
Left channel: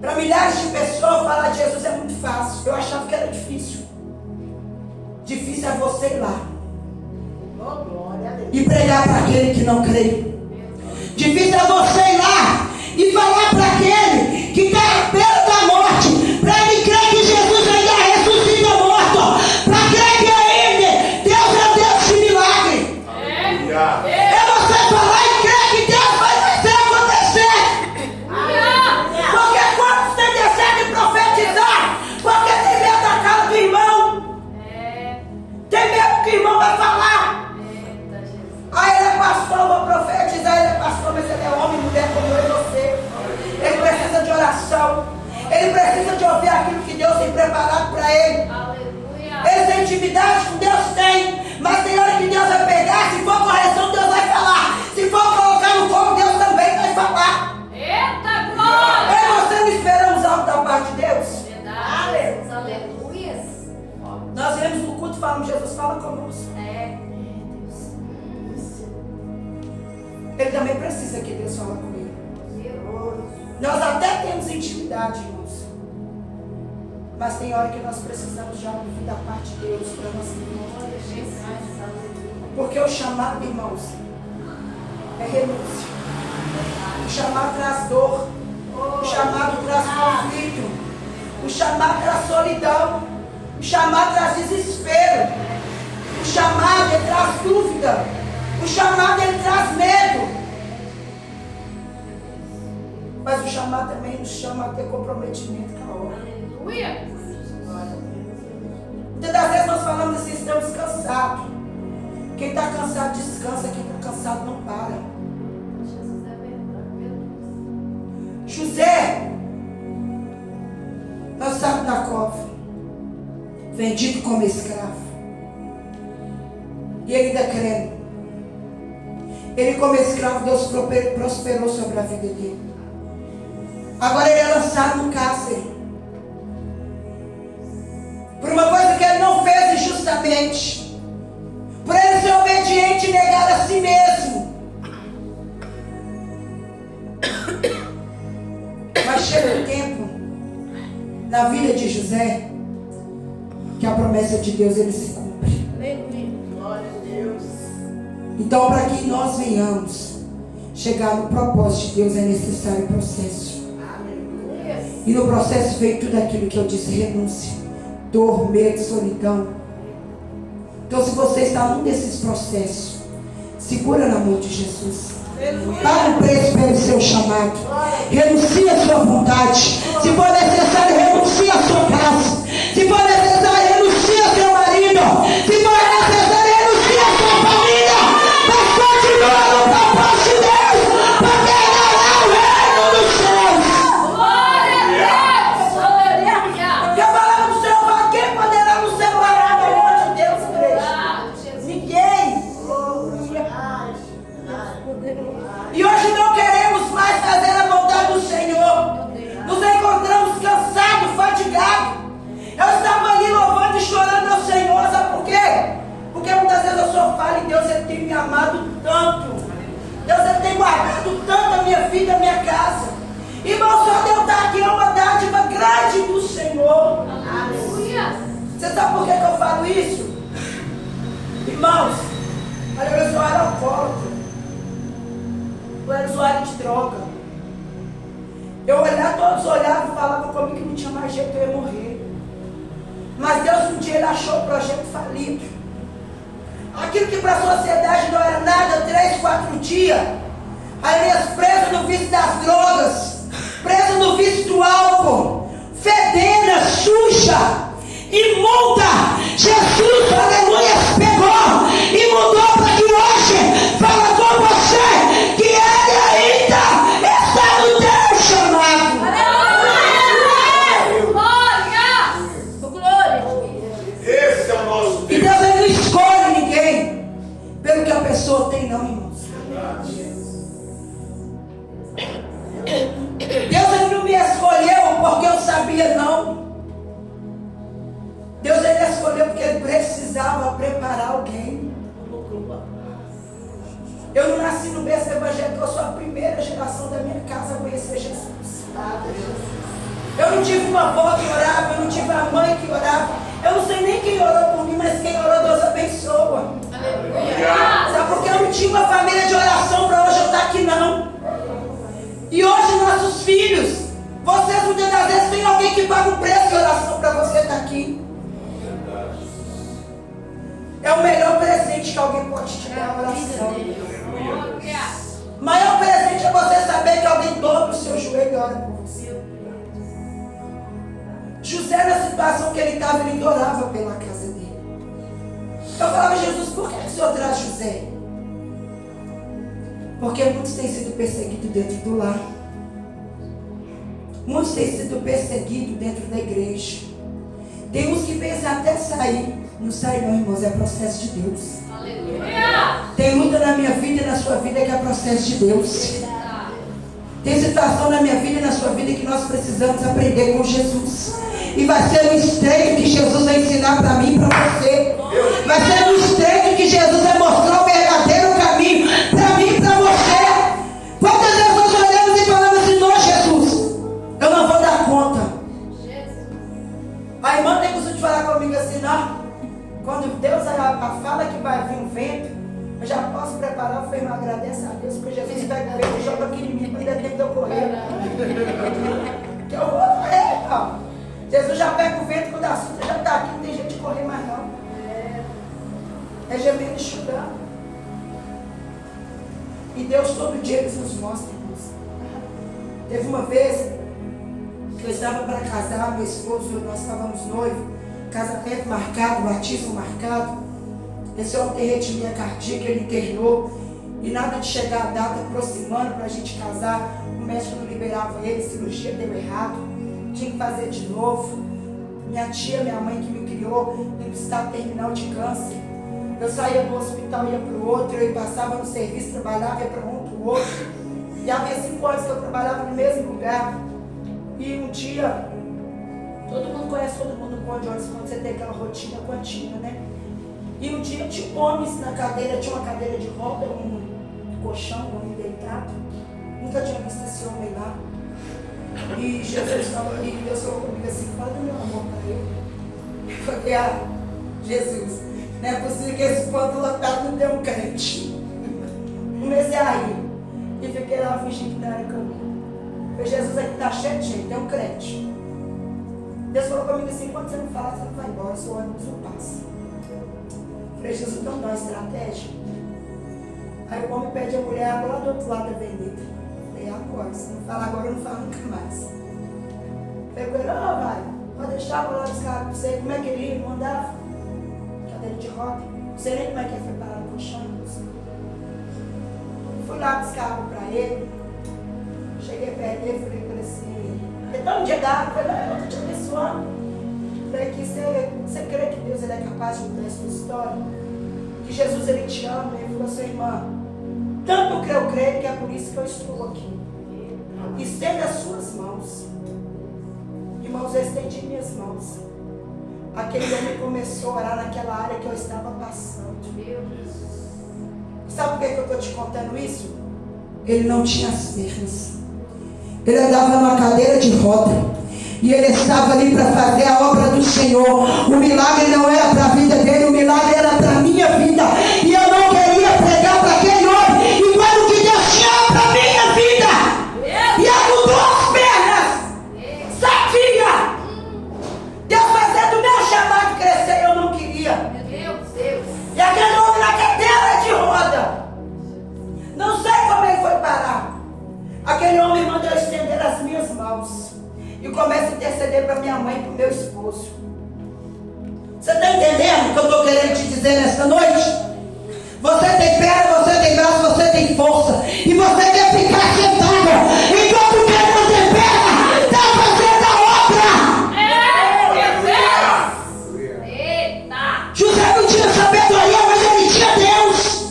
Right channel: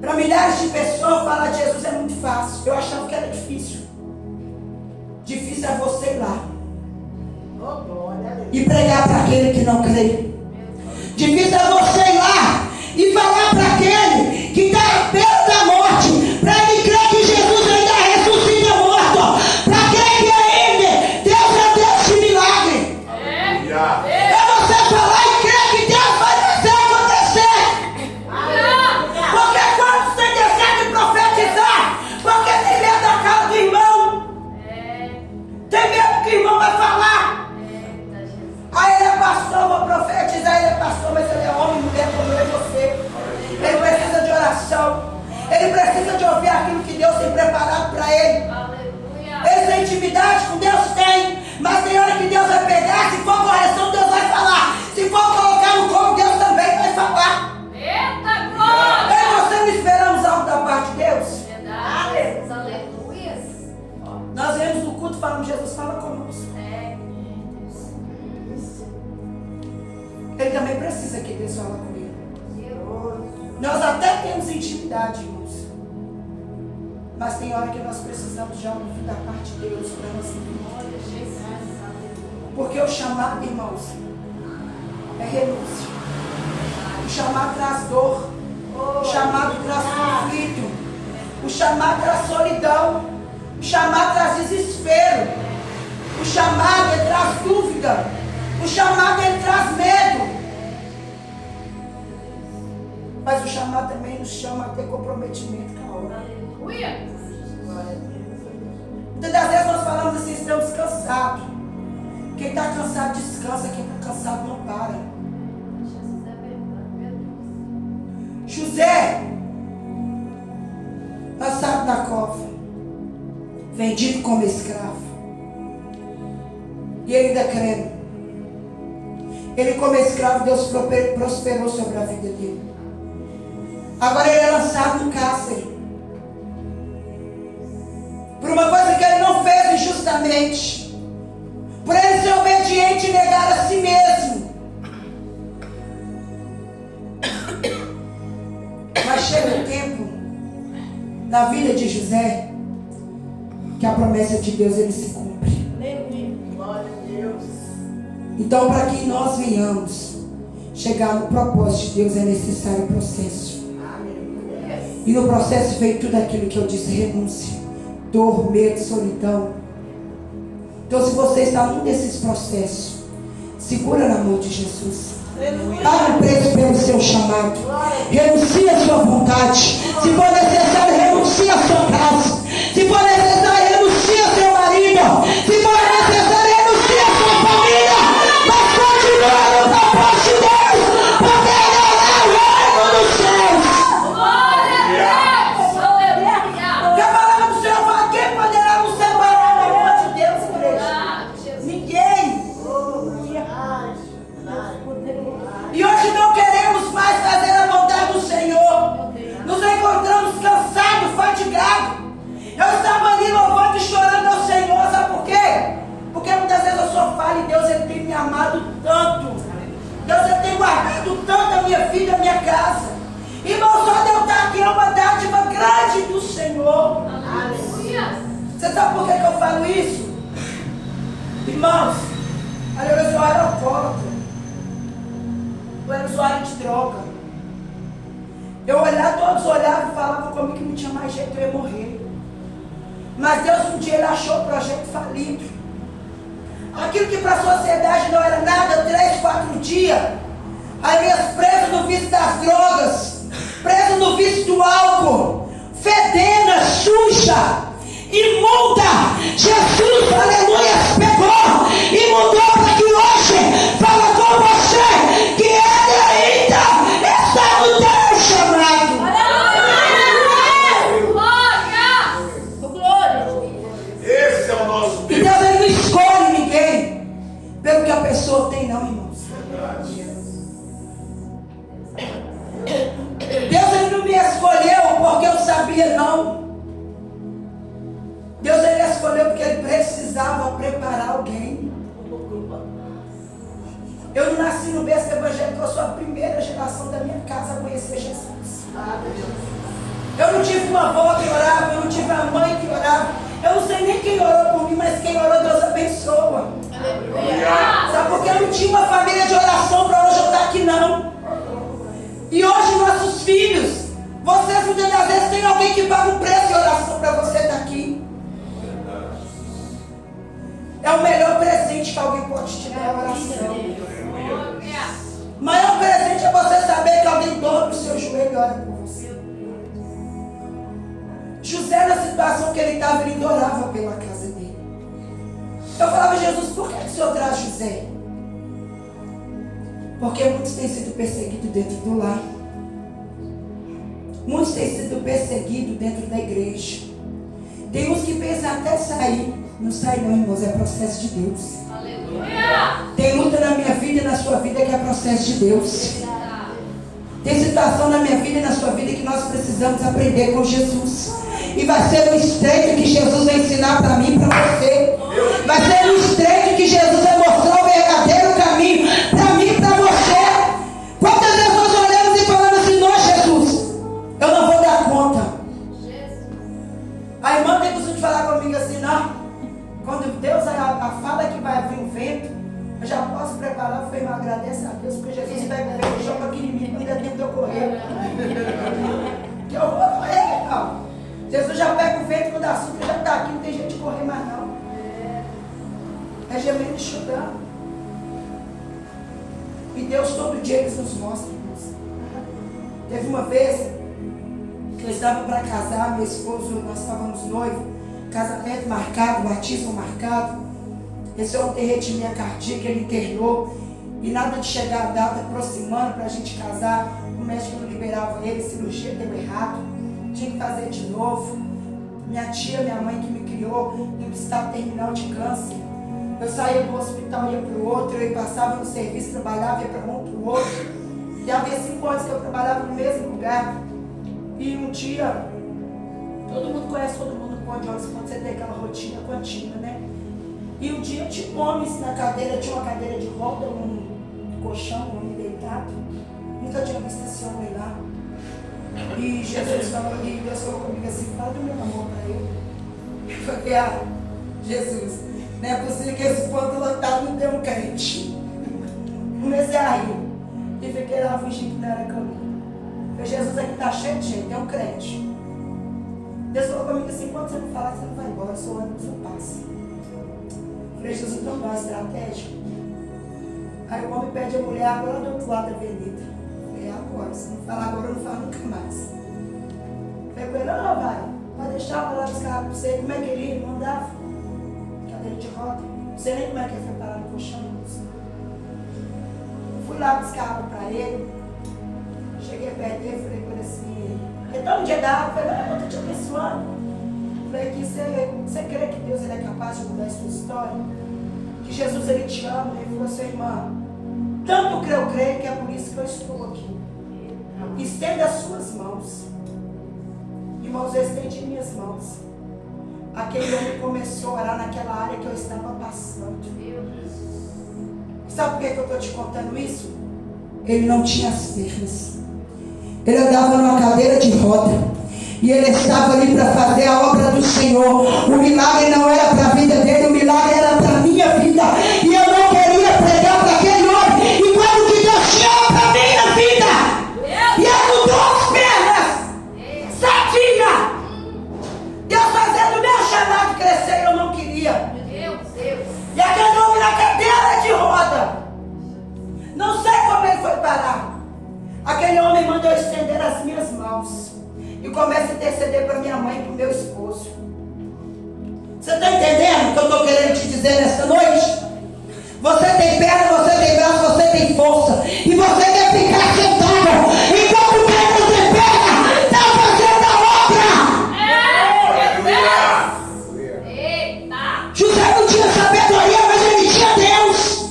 para milhares de pessoas, falar de Jesus é muito fácil. Eu achava que era difícil. Difícil é você ir lá e pregar para aquele que não crê. Difícil é você ir lá e falar para aquele que está à beira da morte, para ele crer que Jesus ainda ressuscita morto, para crer que ainda Deus é Deus de milagre. Aleluia! É você falar e crer que Deus vai fazer acontecer. Porque quando você decide profetizar, porque tem medo da cara do irmão, tem medo que o irmão vai falar. Aí ele é pastor, eu vou profetizar, ele é pastor, mas ele é homem e mulher como eu e você. Ele precisa de oração, ele precisa de ouvir aquilo que Deus tem preparado para ele. Ele tem intimidade com Deus? Tem, mas tem hora que Deus vai pegar, se for correção, Deus vai falar. Se for colocar no colo, Deus também vai falar. Eita, glória! Eu e você não esperamos algo da parte de Deus? Aleluia! Nós vemos no culto, falamos, Jesus fala conosco. Ele também precisa que Deus fale com ele. Nós até temos intimidade, irmãos. Mas tem hora que nós precisamos já ouvir da parte de Deus para nós vivermos. Porque o chamado, irmãos, é renúncia. O chamado traz dor. O chamado traz conflito. O chamado traz solidão. O chamado traz desespero. O chamado ele traz dúvida. O chamado ele traz medo. Mas o chamado também nos chama a ter comprometimento com a obra. Aleluia! Muitas das vezes nós falamos assim, estamos cansados. Quem está cansado descansa, quem está cansado não para. José, lançado na cova, vendido como escravo. E ele ainda crendo. Ele como escravo, Deus prosperou sobre a vida dele. Agora ele é lançado no cárcere. Por uma coisa que ele não fez injustamente. Por ele ser obediente e negar a si mesmo. Mas chegou. tempo na vida de José que a promessa de Deus ele se cumpre. Glória a Deus. Então, para que nós venhamos chegar no propósito de Deus, é necessário processo. E no processo veio tudo aquilo que eu disse: renúncia, dor, medo, solidão. Então, se você está num desses processos, segura na mão de Jesus. Paga um preço pelo seu chamado. Renuncie a sua vontade. Se for necessário, renuncie a sua casa. Se for necessário, renuncie a seu marido. Se for necessário, renuncie a sua família. Mas continua no propósito de Deus, porque Ele é o reino dos céus. E a palavra do Senhor fala: quem poderá nos separar do amor de Deus, igreja? Ninguém. E hoje não queremos mais fazer a vontade do Senhor. Nos encontramos cansados, fatigados. Eu estava ali louvando e chorando ao Senhor. Sabe por quê? Porque muitas vezes eu só falo e Deus ele tem me amado tanto. Deus ele tem guardado tanto a minha vida, a minha casa. Irmão, só de eu estar aqui é uma dádiva grande do Senhor. Aleluia. Você sabe por que eu falo isso? Irmãos, aleluia, eu era alcoólatra. Eu era usuário de droga. Eu olhava, todos olhavam e falavam comigo que não tinha mais jeito, eu ia morrer. Mas Deus um dia ele achou o projeto falido. Aquilo que para a sociedade não era nada, 3, 4 dias. As minhas presas no vício das drogas, presas no vício do álcool, fedenda, suja, imunda. Jesus, aleluia, pegou e mudou para que hoje fala com você que Ele ainda está no teu chamado. Esse é o nosso E Deus. Deus ele não escolhe ninguém pelo que a pessoa tem, não, irmãos. Deus ele não me escolheu porque eu sabia, não. Deus ele escolheu porque ele precisava preparar alguém. Eu não nasci no berço evangélico, eu sou a primeira geração da minha casa a conhecer Jesus. Eu não tive uma avó que orava, eu não tive uma mãe que orava. Eu não sei nem quem orou por mim, mas quem orou, Deus abençoa. Sabe por que eu não tinha uma família de oração para hoje eu estar aqui, não? E hoje nossos filhos, vocês muitas das vezes tem alguém que paga um preço de oração para você estar aqui. É o melhor presente que alguém pode te dar, a oração. O maior presente é você saber que alguém dobra o seu joelho e ora por você. José, na situação que ele estava, ele orava pela casa dele. Eu falava: Jesus, por que o Senhor traz José? Porque muitos têm sido perseguidos dentro do lar. Muitos têm sido perseguidos dentro da igreja. Tem uns que pensam até sair. Não sai não, irmãos, é processo de Deus. Aleluia. Tem luta na minha vida e na sua vida que é processo de Deus. Tem situação na minha vida e na sua vida que nós precisamos aprender com Jesus. E vai ser no estreito que Jesus vai ensinar para mim e para você. Vai ser no estreito que Jesus vai mostrar o verdadeiro caminho para mim e para você. Quantas vezes nós olhamos e falamos assim: não, Jesus, eu não vou dar conta. A irmã tem costume de falar comigo assim: não, quando Deus fala que vai vir um vento, eu já posso preparar. Eu falei: irmão, agradeça a Deus, porque Jesus pega o vento e joga aqui em mim, quando ainda tempo de eu correr. Que eu vou correr, irmão. Jesus já pega o vento quando a assunto já está aqui, não tem jeito de correr mais não. É gemendo e chorando. E Deus todo dia Ele nos mostra, irmãos. Teve uma vez que eu estava para casar, meu esposo, nós estávamos noivos, casamento marcado, batismo marcado. Esse homem tem arritmia cardíaca, ele internou. E nada de chegar a data aproximando para a gente casar. O médico não liberava ele, cirurgia deu errado. Tinha que fazer de novo. Minha tia, minha mãe que me criou, em estado terminal de câncer. Eu saía do hospital, ia para o outro, eu passava no serviço, trabalhava, ia para um, para o outro. E havia 5 anos que eu trabalhava no mesmo lugar. E um dia, todo mundo conhece todo mundo no ponto de ônibus, quando você tem aquela rotina contínua, né? E um dia tinha um homem na cadeira, tinha uma cadeira de roda, um colchão, um homem deitado. Nunca tinha visto esse homem lá. E Jesus falou, e Deus falou comigo assim, fala do meu amor para ele. Eu falei, Jesus, não é possível que esse ponto lotado não dê um crente. Comecei a rir. E fiquei lá fingindo que não era comigo. Falei, Jesus, aqui está cheio de gente, é um crente. Deus falou comigo assim, quando você não falar, você não vai embora, seu ônibus não passa. Falei, Jesus, então dá uma estratégia. Aí o homem pede a mulher água lá do outro lado da avenida. Falei, agora, se não falar agora, eu não falo nunca mais. Falei com ele, não, vai, pode deixar para lá buscar água para você. Como é que ele ia? Não andava? Cadeira de roda. Não sei nem como é que é preparado o colchão. Fui lá buscar água para ele. Cheguei perto dele, falei com ele assim, então um dia da água, falei, não, eu estou te abençoando. Falei que você crê que Deus ele é capaz de mudar a sua história? Que Jesus ele te ama? Ele falou assim, irmã, tanto que eu creio que é por isso que eu estou aqui. Estenda as suas mãos. Irmãos, eu estendi minhas mãos. Aquele homem começou a orar naquela área que eu estava passando. Sabe por que eu estou te contando isso? Ele não tinha as pernas. Ele andava numa cadeira de roda. E ele estava ali para fazer a obra do Senhor. O milagre não era para a vida dele, o milagre era para a minha vida. E eu não queria pregar para aquele homem. E quando que Deus tinha para a minha vida, e eu mudou as pernas, sadia. Deus fazendo o meu chamado crescer, eu não queria. E aquele homem na cadeira de roda, não sei como ele foi parar. Aquele homem mandou eu estender as minhas mãos e começa a interceder para minha mãe e para o meu esposo. Você está entendendo o que eu estou querendo te dizer nesta noite? Você tem perna, você tem braço, você tem força. E você quer ficar sentado enquanto o Deus não tem perna, está fazendo a obra. José não tinha sabedoria, mas ele tinha Deus.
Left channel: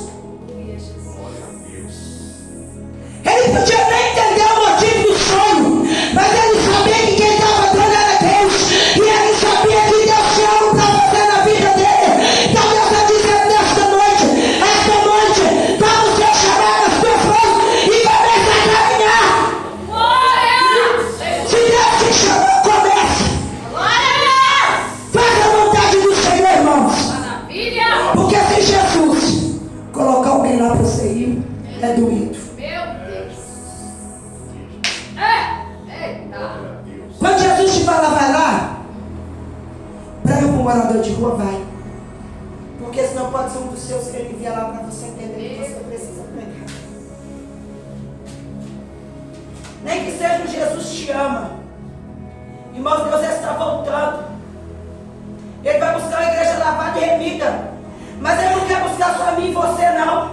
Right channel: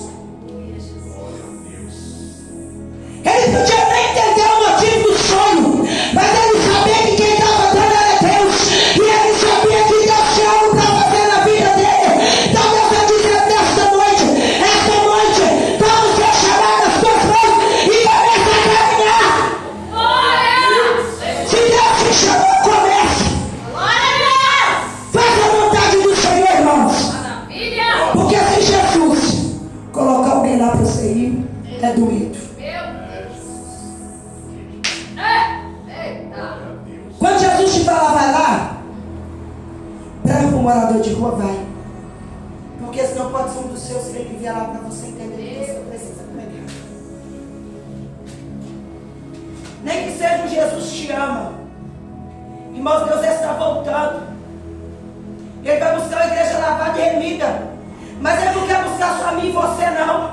Ele podia nem entender o motivo do sonho, mas ele sabia que quem estava dando era Deus. E ele sabia que Deus tinha algo para fazer na vida dele. Então você diz nesta noite, está no seu chamado, nas suas mãos, e começa a caminhar. Se Deus te chamou, comece. Faça a vontade do Senhor, irmãos. Porque se Jesus colocar alguém lá para você ir, é doído. Quando Jesus te falar, vai lá, prega para um morador de rua, vai. Porque senão pode ser um dos seus que ele envia lá para você entender que você precisa pregar. Nem que seja um Jesus te ama. Irmãos, Deus está voltando. Ele vai buscar uma igreja lavada e remida. Mas Ele não quer buscar só a mim e você, não.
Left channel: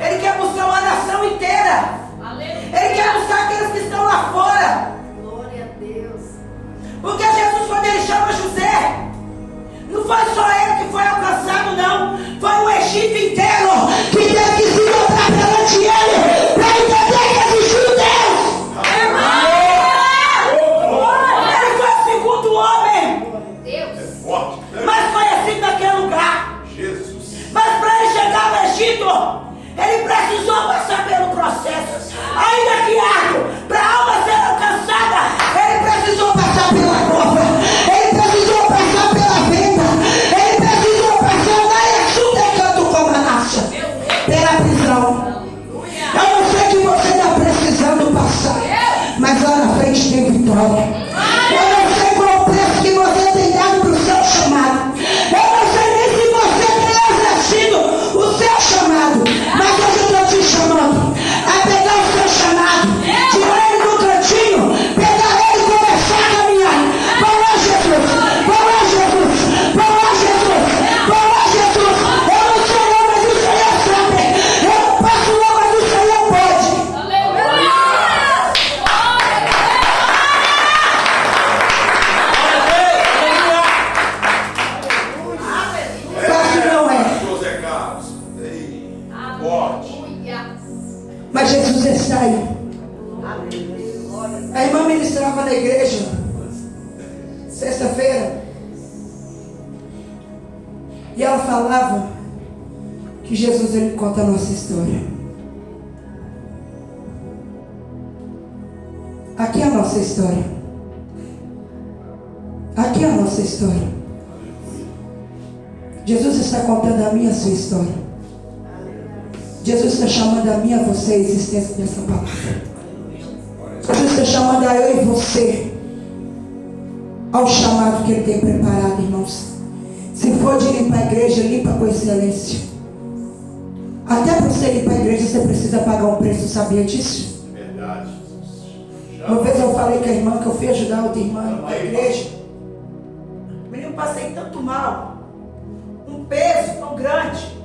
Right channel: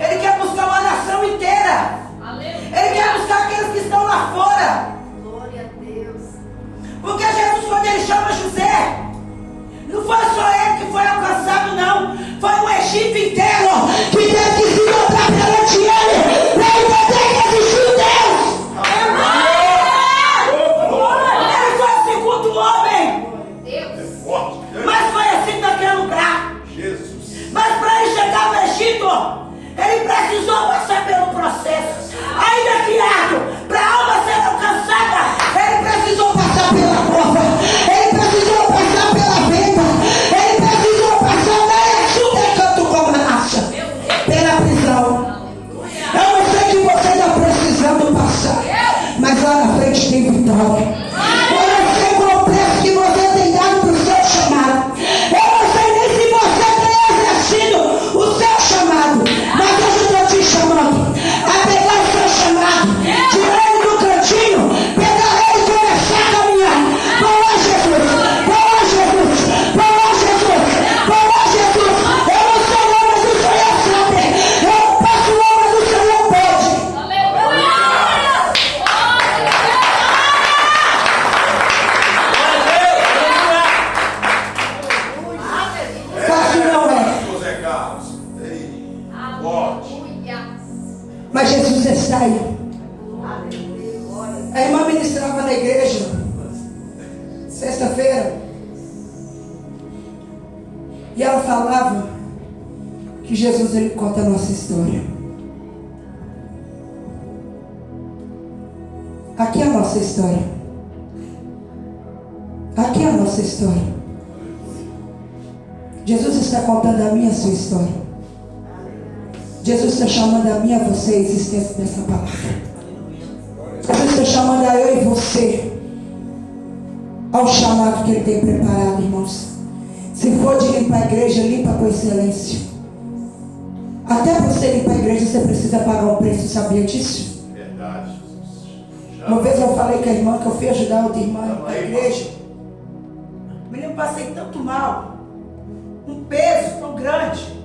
Ele quer buscar uma nação inteira. Ele quer buscar aqueles que estão lá fora. Glória a Deus. Porque Jesus, quando Ele chama José, não foi só ele que foi alcançado, não. Foi o Egito inteiro que teve que se dobrar perante ele para entender que existiu Deus. Ele foi o segundo homem mais conhecido daquele lugar. Mas para ele chegar no Egito, ele precisou passar pelo processo. Ainda que árduo, para a alma ser alcançada, ele precisou passar pela cobra, ele precisou passar pela venda, ele precisou passar na Exuda Canto como racha, pela prisão. Eu não sei o que você está precisando passar, mas lá na frente tem vitória. Eu não sei qual é o preço que você tem dado para o seu chamado. Eu não sei nem se você tem exercido o seu chamado, mas eu estou te chamando a pegar o seu chamado, tirar ele do cantinho, pegar ele e começar a caminhar. Vai lá, Jesus, vai lá, Jesus, vai lá, Jesus, vai lá, Jesus. Eu não sei não, mas o Senhor sabe. Eu não passo não, mas o Senhor pode. Fácil não é. Mas Jesus está aí. A irmã ministrava na igreja sexta-feira e ela falava que Jesus ele conta a nossa história. Aqui é a nossa história. Aqui é a nossa história. Jesus está contando a minha e a sua história. Jesus está chamando a mim e a você a existência dessa palavra. Jesus está chamando a eu e você ao chamado que Ele tem preparado, irmãos. Se for de limpar a igreja, limpa com excelência. Até para você limpar a igreja, você precisa pagar um preço, sabia disso? Verdade. Uma vez eu falei com a irmã que eu fui ajudar outra irmã na igreja. Menino, passei tanto mal, um peso tão grande,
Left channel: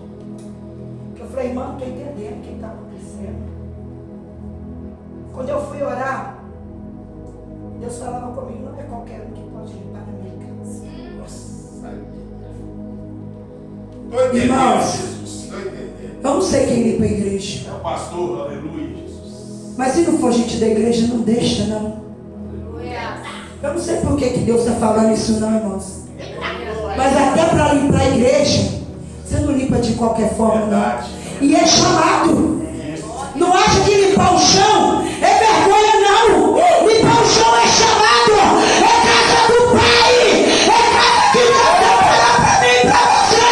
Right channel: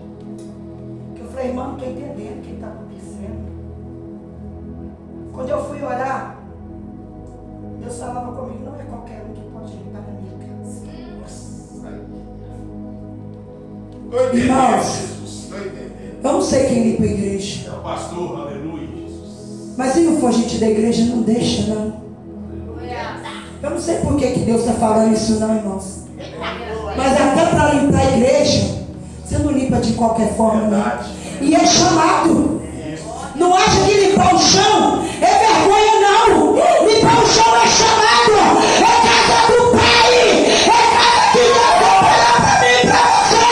que eu falei, irmã, não estou entendendo o que está acontecendo. Quando eu fui orar, Deus falava comigo, não é qualquer um que pode limpar na minha casa. Estou entendendo, Irmãos, Jesus. Estou entendendo. Eu não sei quem limpa a igreja. É o pastor, aleluia, Jesus. Mas se não for gente da igreja, não deixa, não. Eu não sei por que Deus está falando isso, não, irmãos. Mas até para limpar a igreja, você não limpa de qualquer forma, não. E é chamado. Não acha que limpar o chão é vergonha, não. Limpar o chão é chamado. É casa do Pai. É casa que Deus preparou para mim e para você.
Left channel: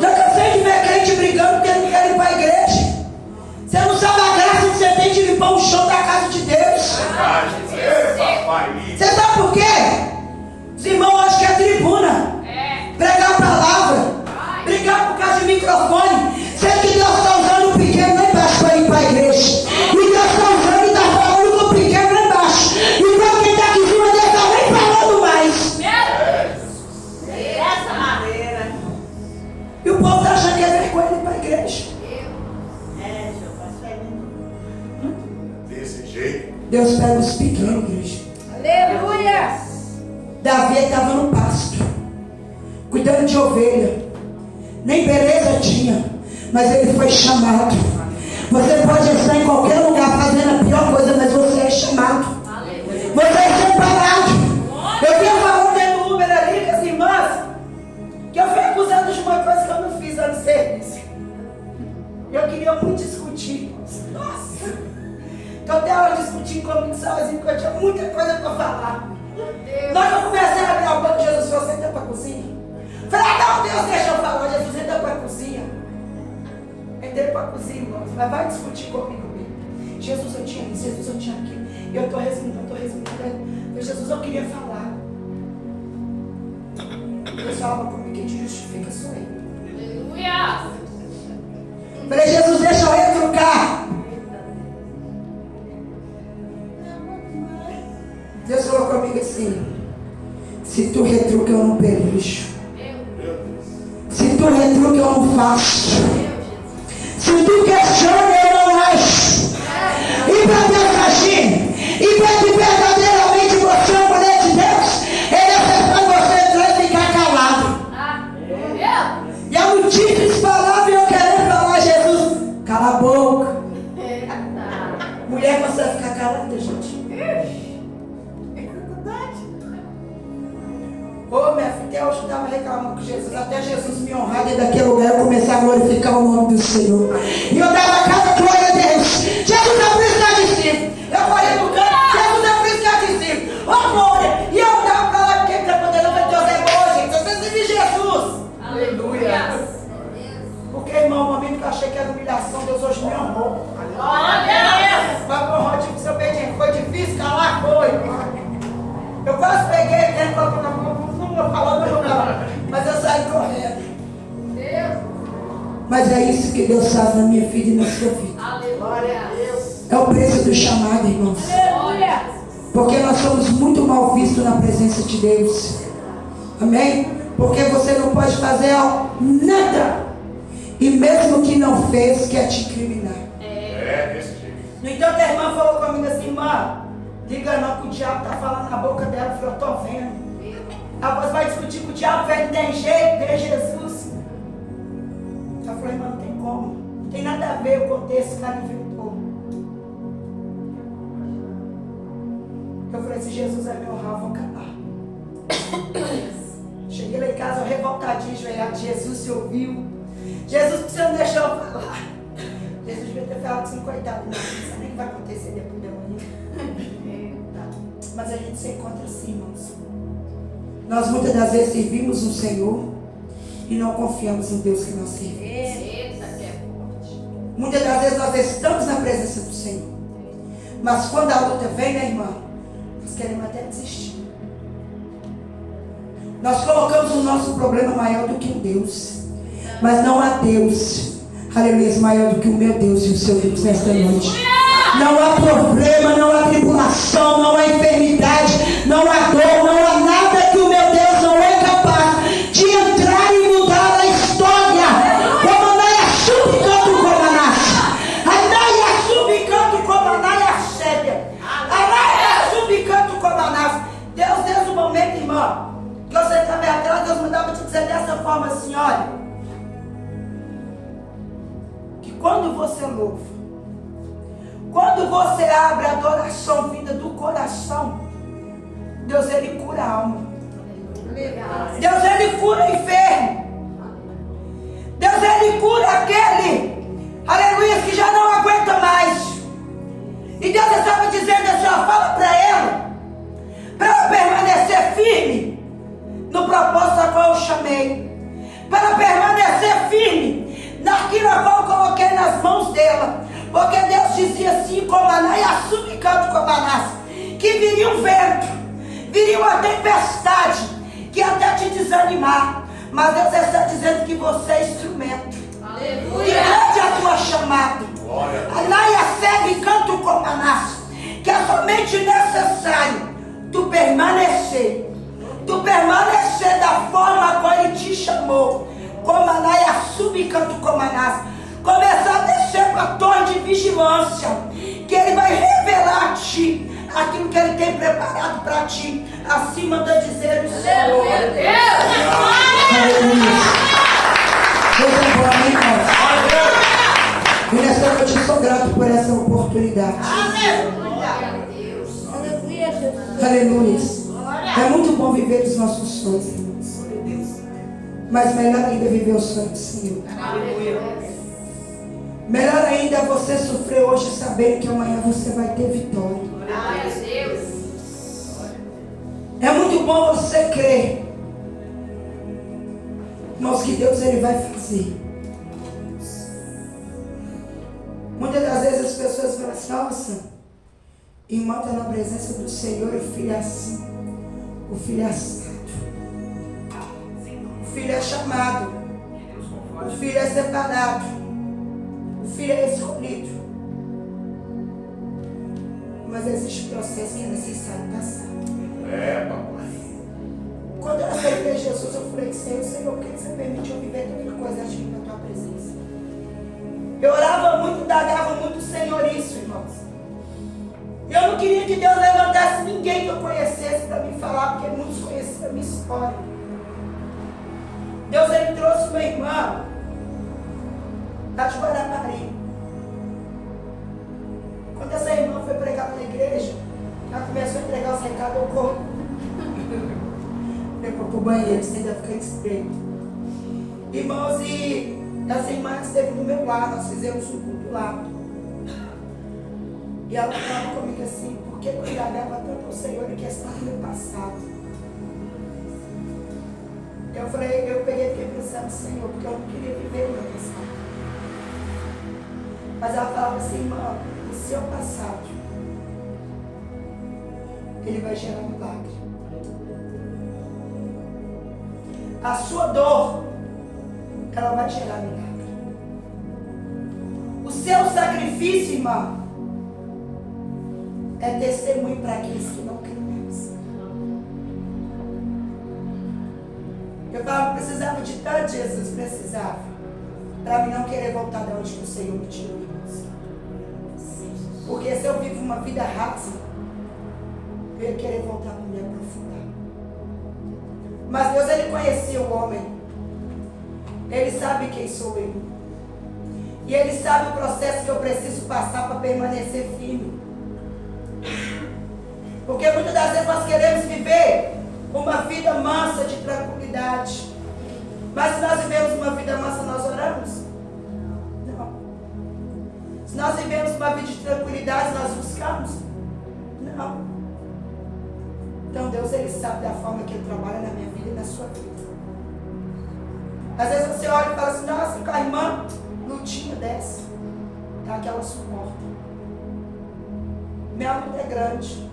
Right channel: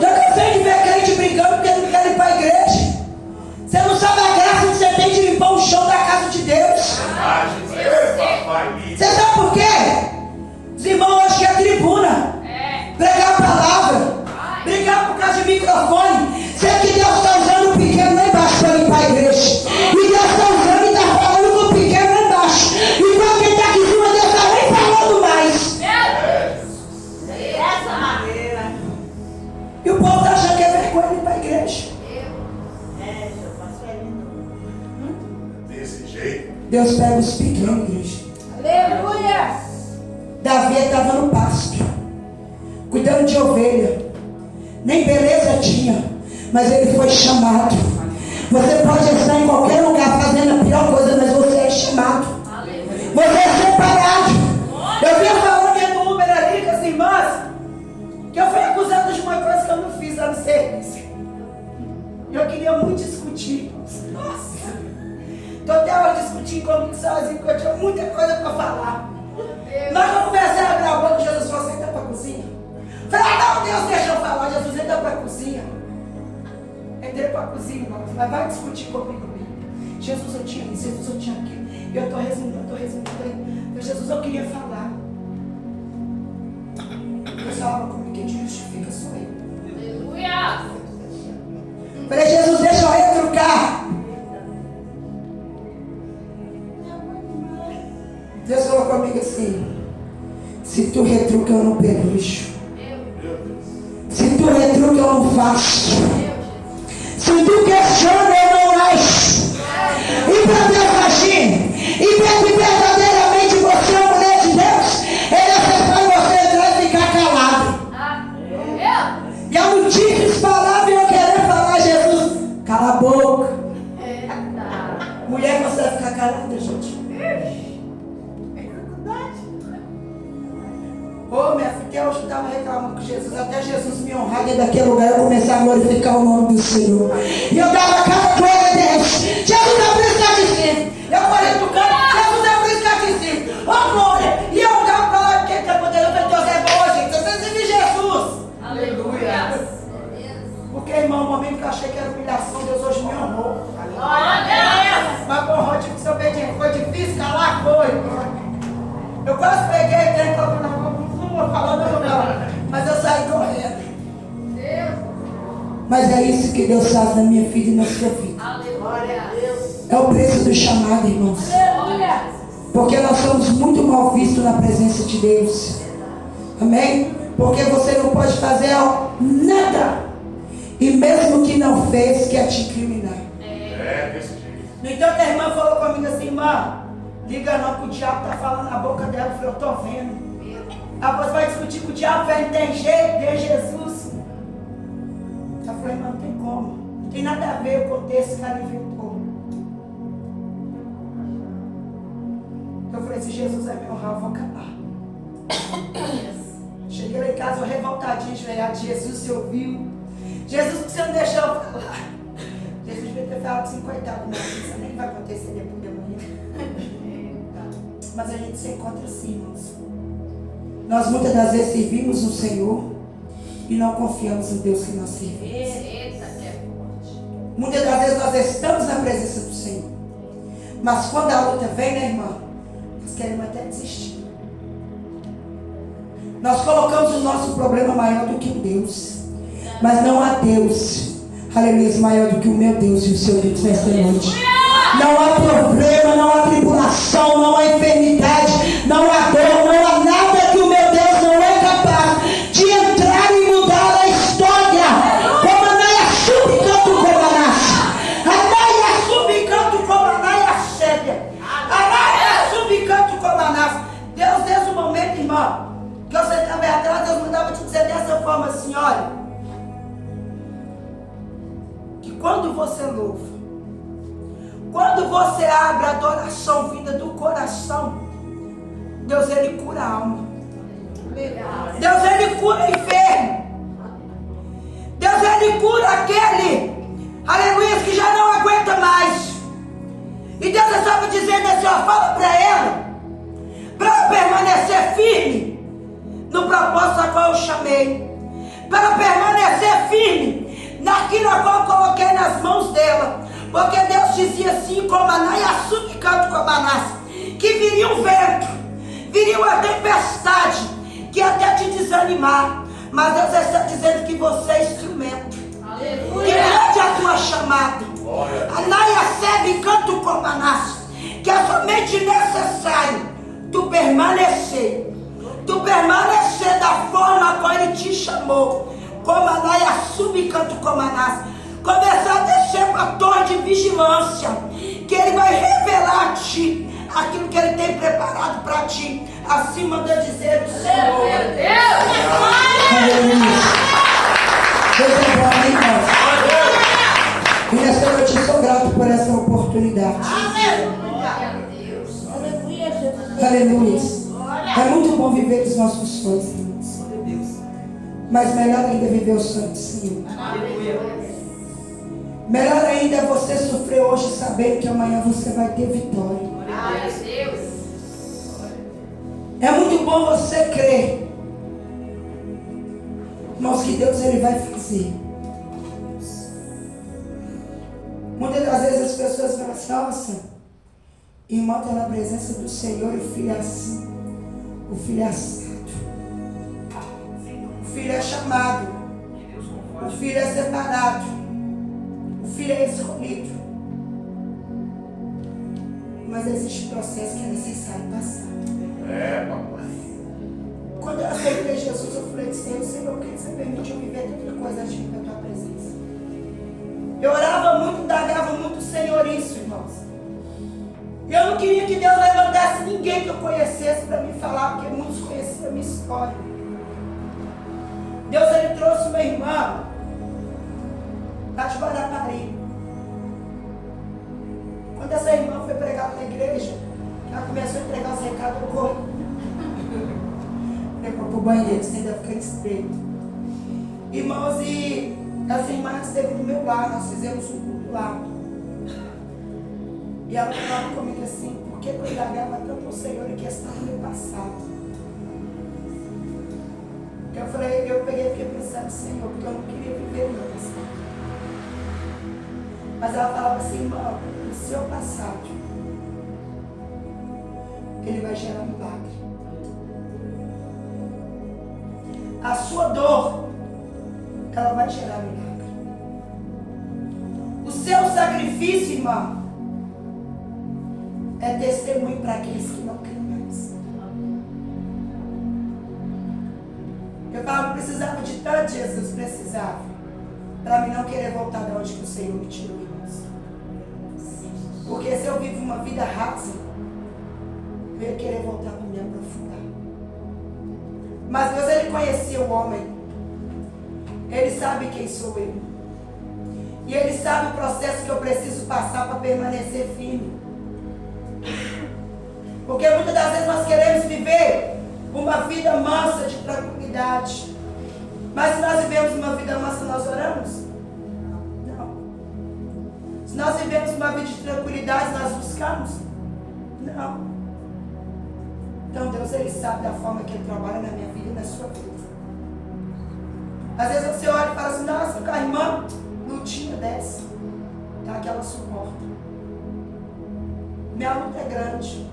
Já cansei de ver crente brigando porque não quer limpar a igreja. Você não sabe a graça que você tem de limpar o chão da casa de Deus. Você sabe por quê? Os irmãos acham que é tribuna. Pregar a palavra. Brigar por causa de microfone. Sendo que Deus está usando o pequeno lá embaixo para limpar a igreja. E Deus está usando e está falando com o pequeno lá embaixo. Então quem está aqui em cima Deus está nem falando mais. Dessa maneira. E o povo está achando que é vergonha limpar a igreja. Desse jeito. Deus pega os pequenos, igreja. Aleluia. Davi estava no pasto, cuidando de ovelha. Nem beleza tinha, mas ele foi chamado. Você pode estar em qualquer lugar fazendo a pior coisa, mas você é chamado. Você é separado. Eu vinha falando dentro do Uber ali com as irmãs, que eu fui acusada de uma coisa que eu não fiz lá no serviço. Eu queria muito discutir. Nossa! Então até hora discutir comigo sozinho, porque eu tinha muita coisa para falar. Mas eu comecei a abrir a boca, Jesus falou, senta para a cozinha. Falei, não, Deus, deixa eu falar, Jesus, entra para a cozinha. Entrei para a cozinha, irmão, mas vai discutir comigo mesmo. Jesus, eu tinha isso, Jesus, eu tinha aquilo. E eu estou resumindo. Falei, Jesus, eu queria falar. Deus falava comigo, quem te justifica sou eu. Aleluia! Falei, Jesus, deixa eu retrucar. Deus falou comigo assim: se tu retruca, eu não perucho. Se tu retruca, eu não faço. Se tu questiona, eu não acho. E para Deus agir, e para que verdadeiramente você é mulher de Deus, Ele é para você entrar e ficar calado. E a notícia espalhava e eu querendo falar, Jesus, cala a boca. Mulher consegue ficar calada, gente. Ô, minha filha, até hoje eu estava reclamando com Jesus, até Jesus me honrar dentro daquele lugar, eu começar a glorificar o nome do Senhor. E eu dava cada glória a Deus. Jesus é por isso que está de cima. Eu falei no canto, Jesus é por isso que está de cima. Ô, glória! E eu dava para lá, porque para poder levar Deus é bom, gente. Você vive Jesus. Aleluia! Porque, irmão, o momento que eu achei que era humilhação, Deus hoje me honrou. Aleluia! Mas, porra, tipo, se eu peguei, foi difícil, calar foi. Eu quase peguei, né, na mão. Falando não, mas eu saí correndo. Mas é isso que Deus faz na minha vida e na sua vida. Aleluia! É o preço do chamado, irmãos. Aleluia! Porque nós somos muito mal vistos na presença de Deus. Amém? Porque você não pode fazer nada. E mesmo que não fez, quer te incriminar. É, desse jeito. No entanto, a irmã falou comigo assim, irmã, liga não que o diabo está falando na boca dela. Eu falei, eu estou vendo. A voz vai discutir com o diabo, velho, não tem jeito, tem Jesus. Eu falei, mas não tem como. Não tem nada a ver o contexto que o cara inventou. Eu falei, se Jesus é meu honrar, eu vou calar. Cheguei lá em casa, eu revoltadinho, joelhado. Jesus se ouviu. Jesus precisa deixar eu falar. Jesus devia ter falado assim, coitado, não, isso nem vai acontecer depois de amanhã. Mas a gente se encontra assim, irmãos. Nós muitas das vezes servimos o Senhor e não confiamos no Deus que nós servimos. Muitas das vezes nós estamos na presença do Senhor, mas quando a luta vem, né, irmã, nós queremos até desistir. Nós colocamos o nosso problema maior do que o Deus, mas não há Deus, aleluia, maior do que o meu Deus e o seu Deus nesta noite. Não há problema, não há tribulação, não há enfermidade, não há dor, não há nada que o meu Deus não é capaz de entrar e mudar a história. Como Anaia subcanto como Anás. Anaia subcanto como Anaia Sédia. Anaia subcanto como Anás. Deus, desde o momento, irmã, que você estava atrás, Deus mandava te dizer dessa forma assim, olha, que quando você louva, quando você abre a adoração vinda do coração, Deus, Ele cura a alma. Deus, Ele cura o enfermo. Deus, Ele cura aquele, aleluia, que já não aguenta mais. E Deus estava dizendo assim, ó, fala para ela permanecer firme no propósito a qual eu chamei, para permanecer firme naquilo a qual eu coloquei nas mãos dela. Porque Deus dizia assim, como Anaia subcanto como Anás, que viria um vento, viria uma tempestade, que ia até te desanimar. Mas Deus está dizendo que você é instrumento. Aleluia. E grande a tua chamada. Anaia segue canto como Anás, que é somente necessário tu permanecer da forma a qual Ele te chamou. Como Anaia subcanto como Anás. Começar a descer para a torre de vigilância, que Ele vai revelar a ti aquilo que Ele tem preparado para ti, acima da dizer do Senhor. E nessa noite eu sou grato por essa oportunidade. Aleluia. É muito bom viver os nossos sonhos, irmãos. Mas melhor ainda é viver os sonhos do Senhor. Melhor ainda é você sofrer hoje sabendo que amanhã você vai ter vitória. É muito bom você crer, irmãos, que Deus Ele vai fazer. Muitas das vezes as pessoas falam assim, nossa, irmão está na presença do Senhor e o filho é assim, o filho é assado, o filho é chamado, o filho é separado, o filho é escolhido. Mas existe um processo que é necessário passar. Papai. Quando eu aceitei Jesus, eu falei, Senhor, por que você permitiu viver tanta coisa aqui na tua presença? Eu orava muito, indagava muito o Senhor isso, irmãos. Eu não queria que Deus levantasse ninguém que eu conhecesse para me falar, porque muitos conheciam a minha história. Deus, Ele trouxe uma irmã lá de Guarapari. Quando essa irmã foi pregar na igreja, ela começou a entregar os recados ao corpo. Levou para o banheiro, sem ainda ficar estreito. Irmãos, e essa irmã esteve do meu lado, nós fizemos um culto lá. E ela falava comigo assim, por que eu indagava tanto ao Senhor em questão do meu passado? Eu peguei e fiquei pensando, Senhor, porque eu não queria viver o meu passado. Mas ela falava assim, irmã, o seu passado, ele vai gerar um milagre. A sua dor, ela vai gerar milagre. O seu sacrifício, irmã, é testemunho para aqueles que não creem mais. Eu falava, precisava de tanto, Jesus precisava, para mim não querer voltar de onde que o Senhor me tirou, irmãos. Porque se eu vivo uma vida rasa, eu ia querer voltar para me aprofundar. Mas Deus, Ele conhecia o homem. Ele sabe quem sou eu. E Ele sabe o processo que eu preciso passar para permanecer firme. Porque muitas das vezes nós queremos viver uma vida mansa de tranquilidade. Mas se nós vivemos uma vida mansa, nós oramos? Não. Se nós vivemos uma vida de tranquilidade, nós buscamos? Não. Então Deus, Ele sabe da forma que Ele trabalha na minha vida e na sua vida. Às vezes você olha e fala assim, nossa, com a irmã, lutinha desce. É aquela suporta. Minha luta é grande.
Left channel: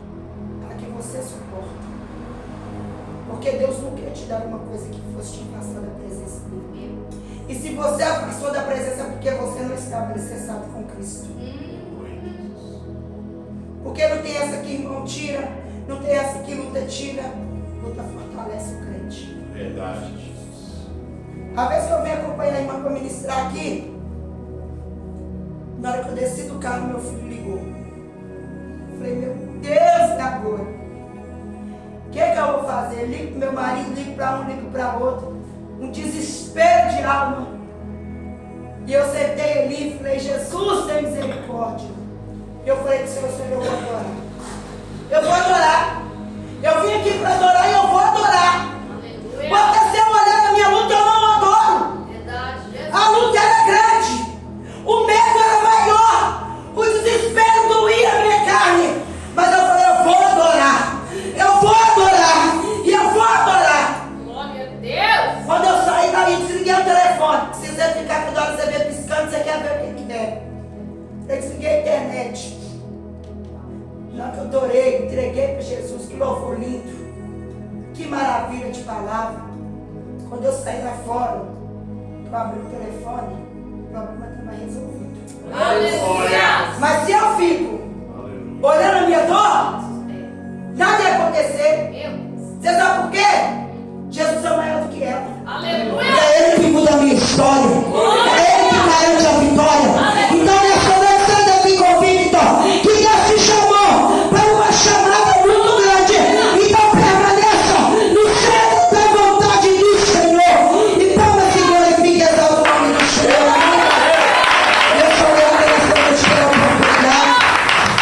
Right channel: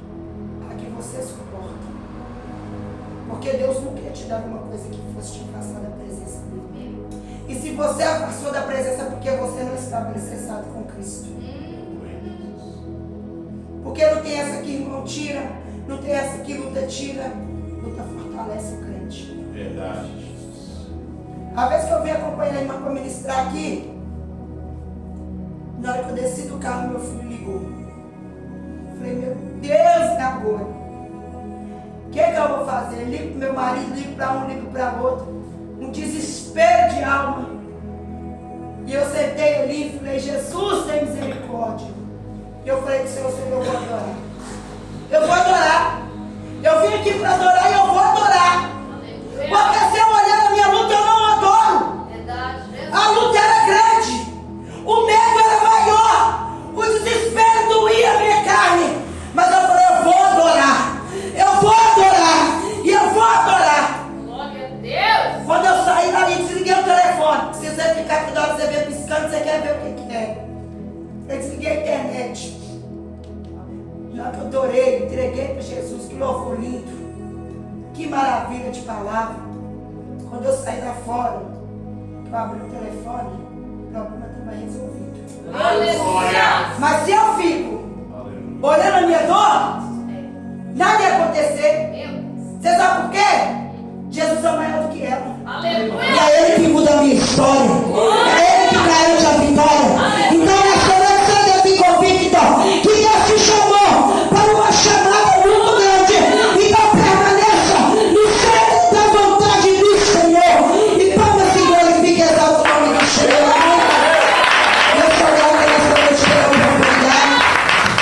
A que você suporta. Porque Deus não quer te dar uma coisa que fosse te afastar da presença dele. E se você afastou da presença, é porque você não estava alicerçado com Cristo. Porque não tem essa que irmão tira, não tem essa que luta tira. Luta fortalece o crente. Verdade. A vez que eu vim acompanhar a irmã para ministrar aqui, na hora que eu desci do carro, meu filho ligou. Falei, meu Deus, e agora? O que eu vou fazer? Ligo para meu marido, ligo para um, ligo para outro. Um desespero de alma. E eu sentei ali e falei, Jesus, tem misericórdia. E eu falei com o Senhor, eu vou adorar. Eu vou adorar. Eu vim aqui para adorar e eu vou adorar. Porque se eu olhar na minha luta, eu não adoro. A luta era grande. O medo era maior. O desespero doía a minha carne. Mas eu falei, eu vou adorar. Eu vou adorar. E eu vou adorar. Glória a Deus. Quando eu saí dali, desliguei o telefone. Se você ficar toda hora, você vê piscando, você quer ver o que é. Eu desliguei a internet. Na hora que eu adorei, entreguei para Jesus. Que louvor lindo. Que maravilha de palavra. Quando eu saí lá fora, eu abri o telefone, o problema estava resolvido. Aleluia. Mas se eu fico olhando a minha dor, nada ia acontecer. Você sabe por quê? Jesus é maior do que ela. Aleluia. E é Ele que muda a minha história. É Ele que garante a vitória. Então nós queremos ser daqui convicto que Deus te chamou para uma chamada muito grande. Então permaneça no centro da vontade do Senhor. E palmas e glorifique exalta o nome do Senhor. Eu sou grato pela oportunidade.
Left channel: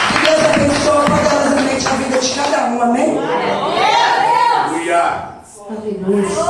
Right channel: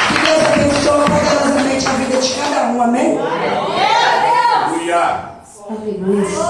Que Deus abençoe poderosamente a vida de cada um. Amém? Aleluia. Aleluia.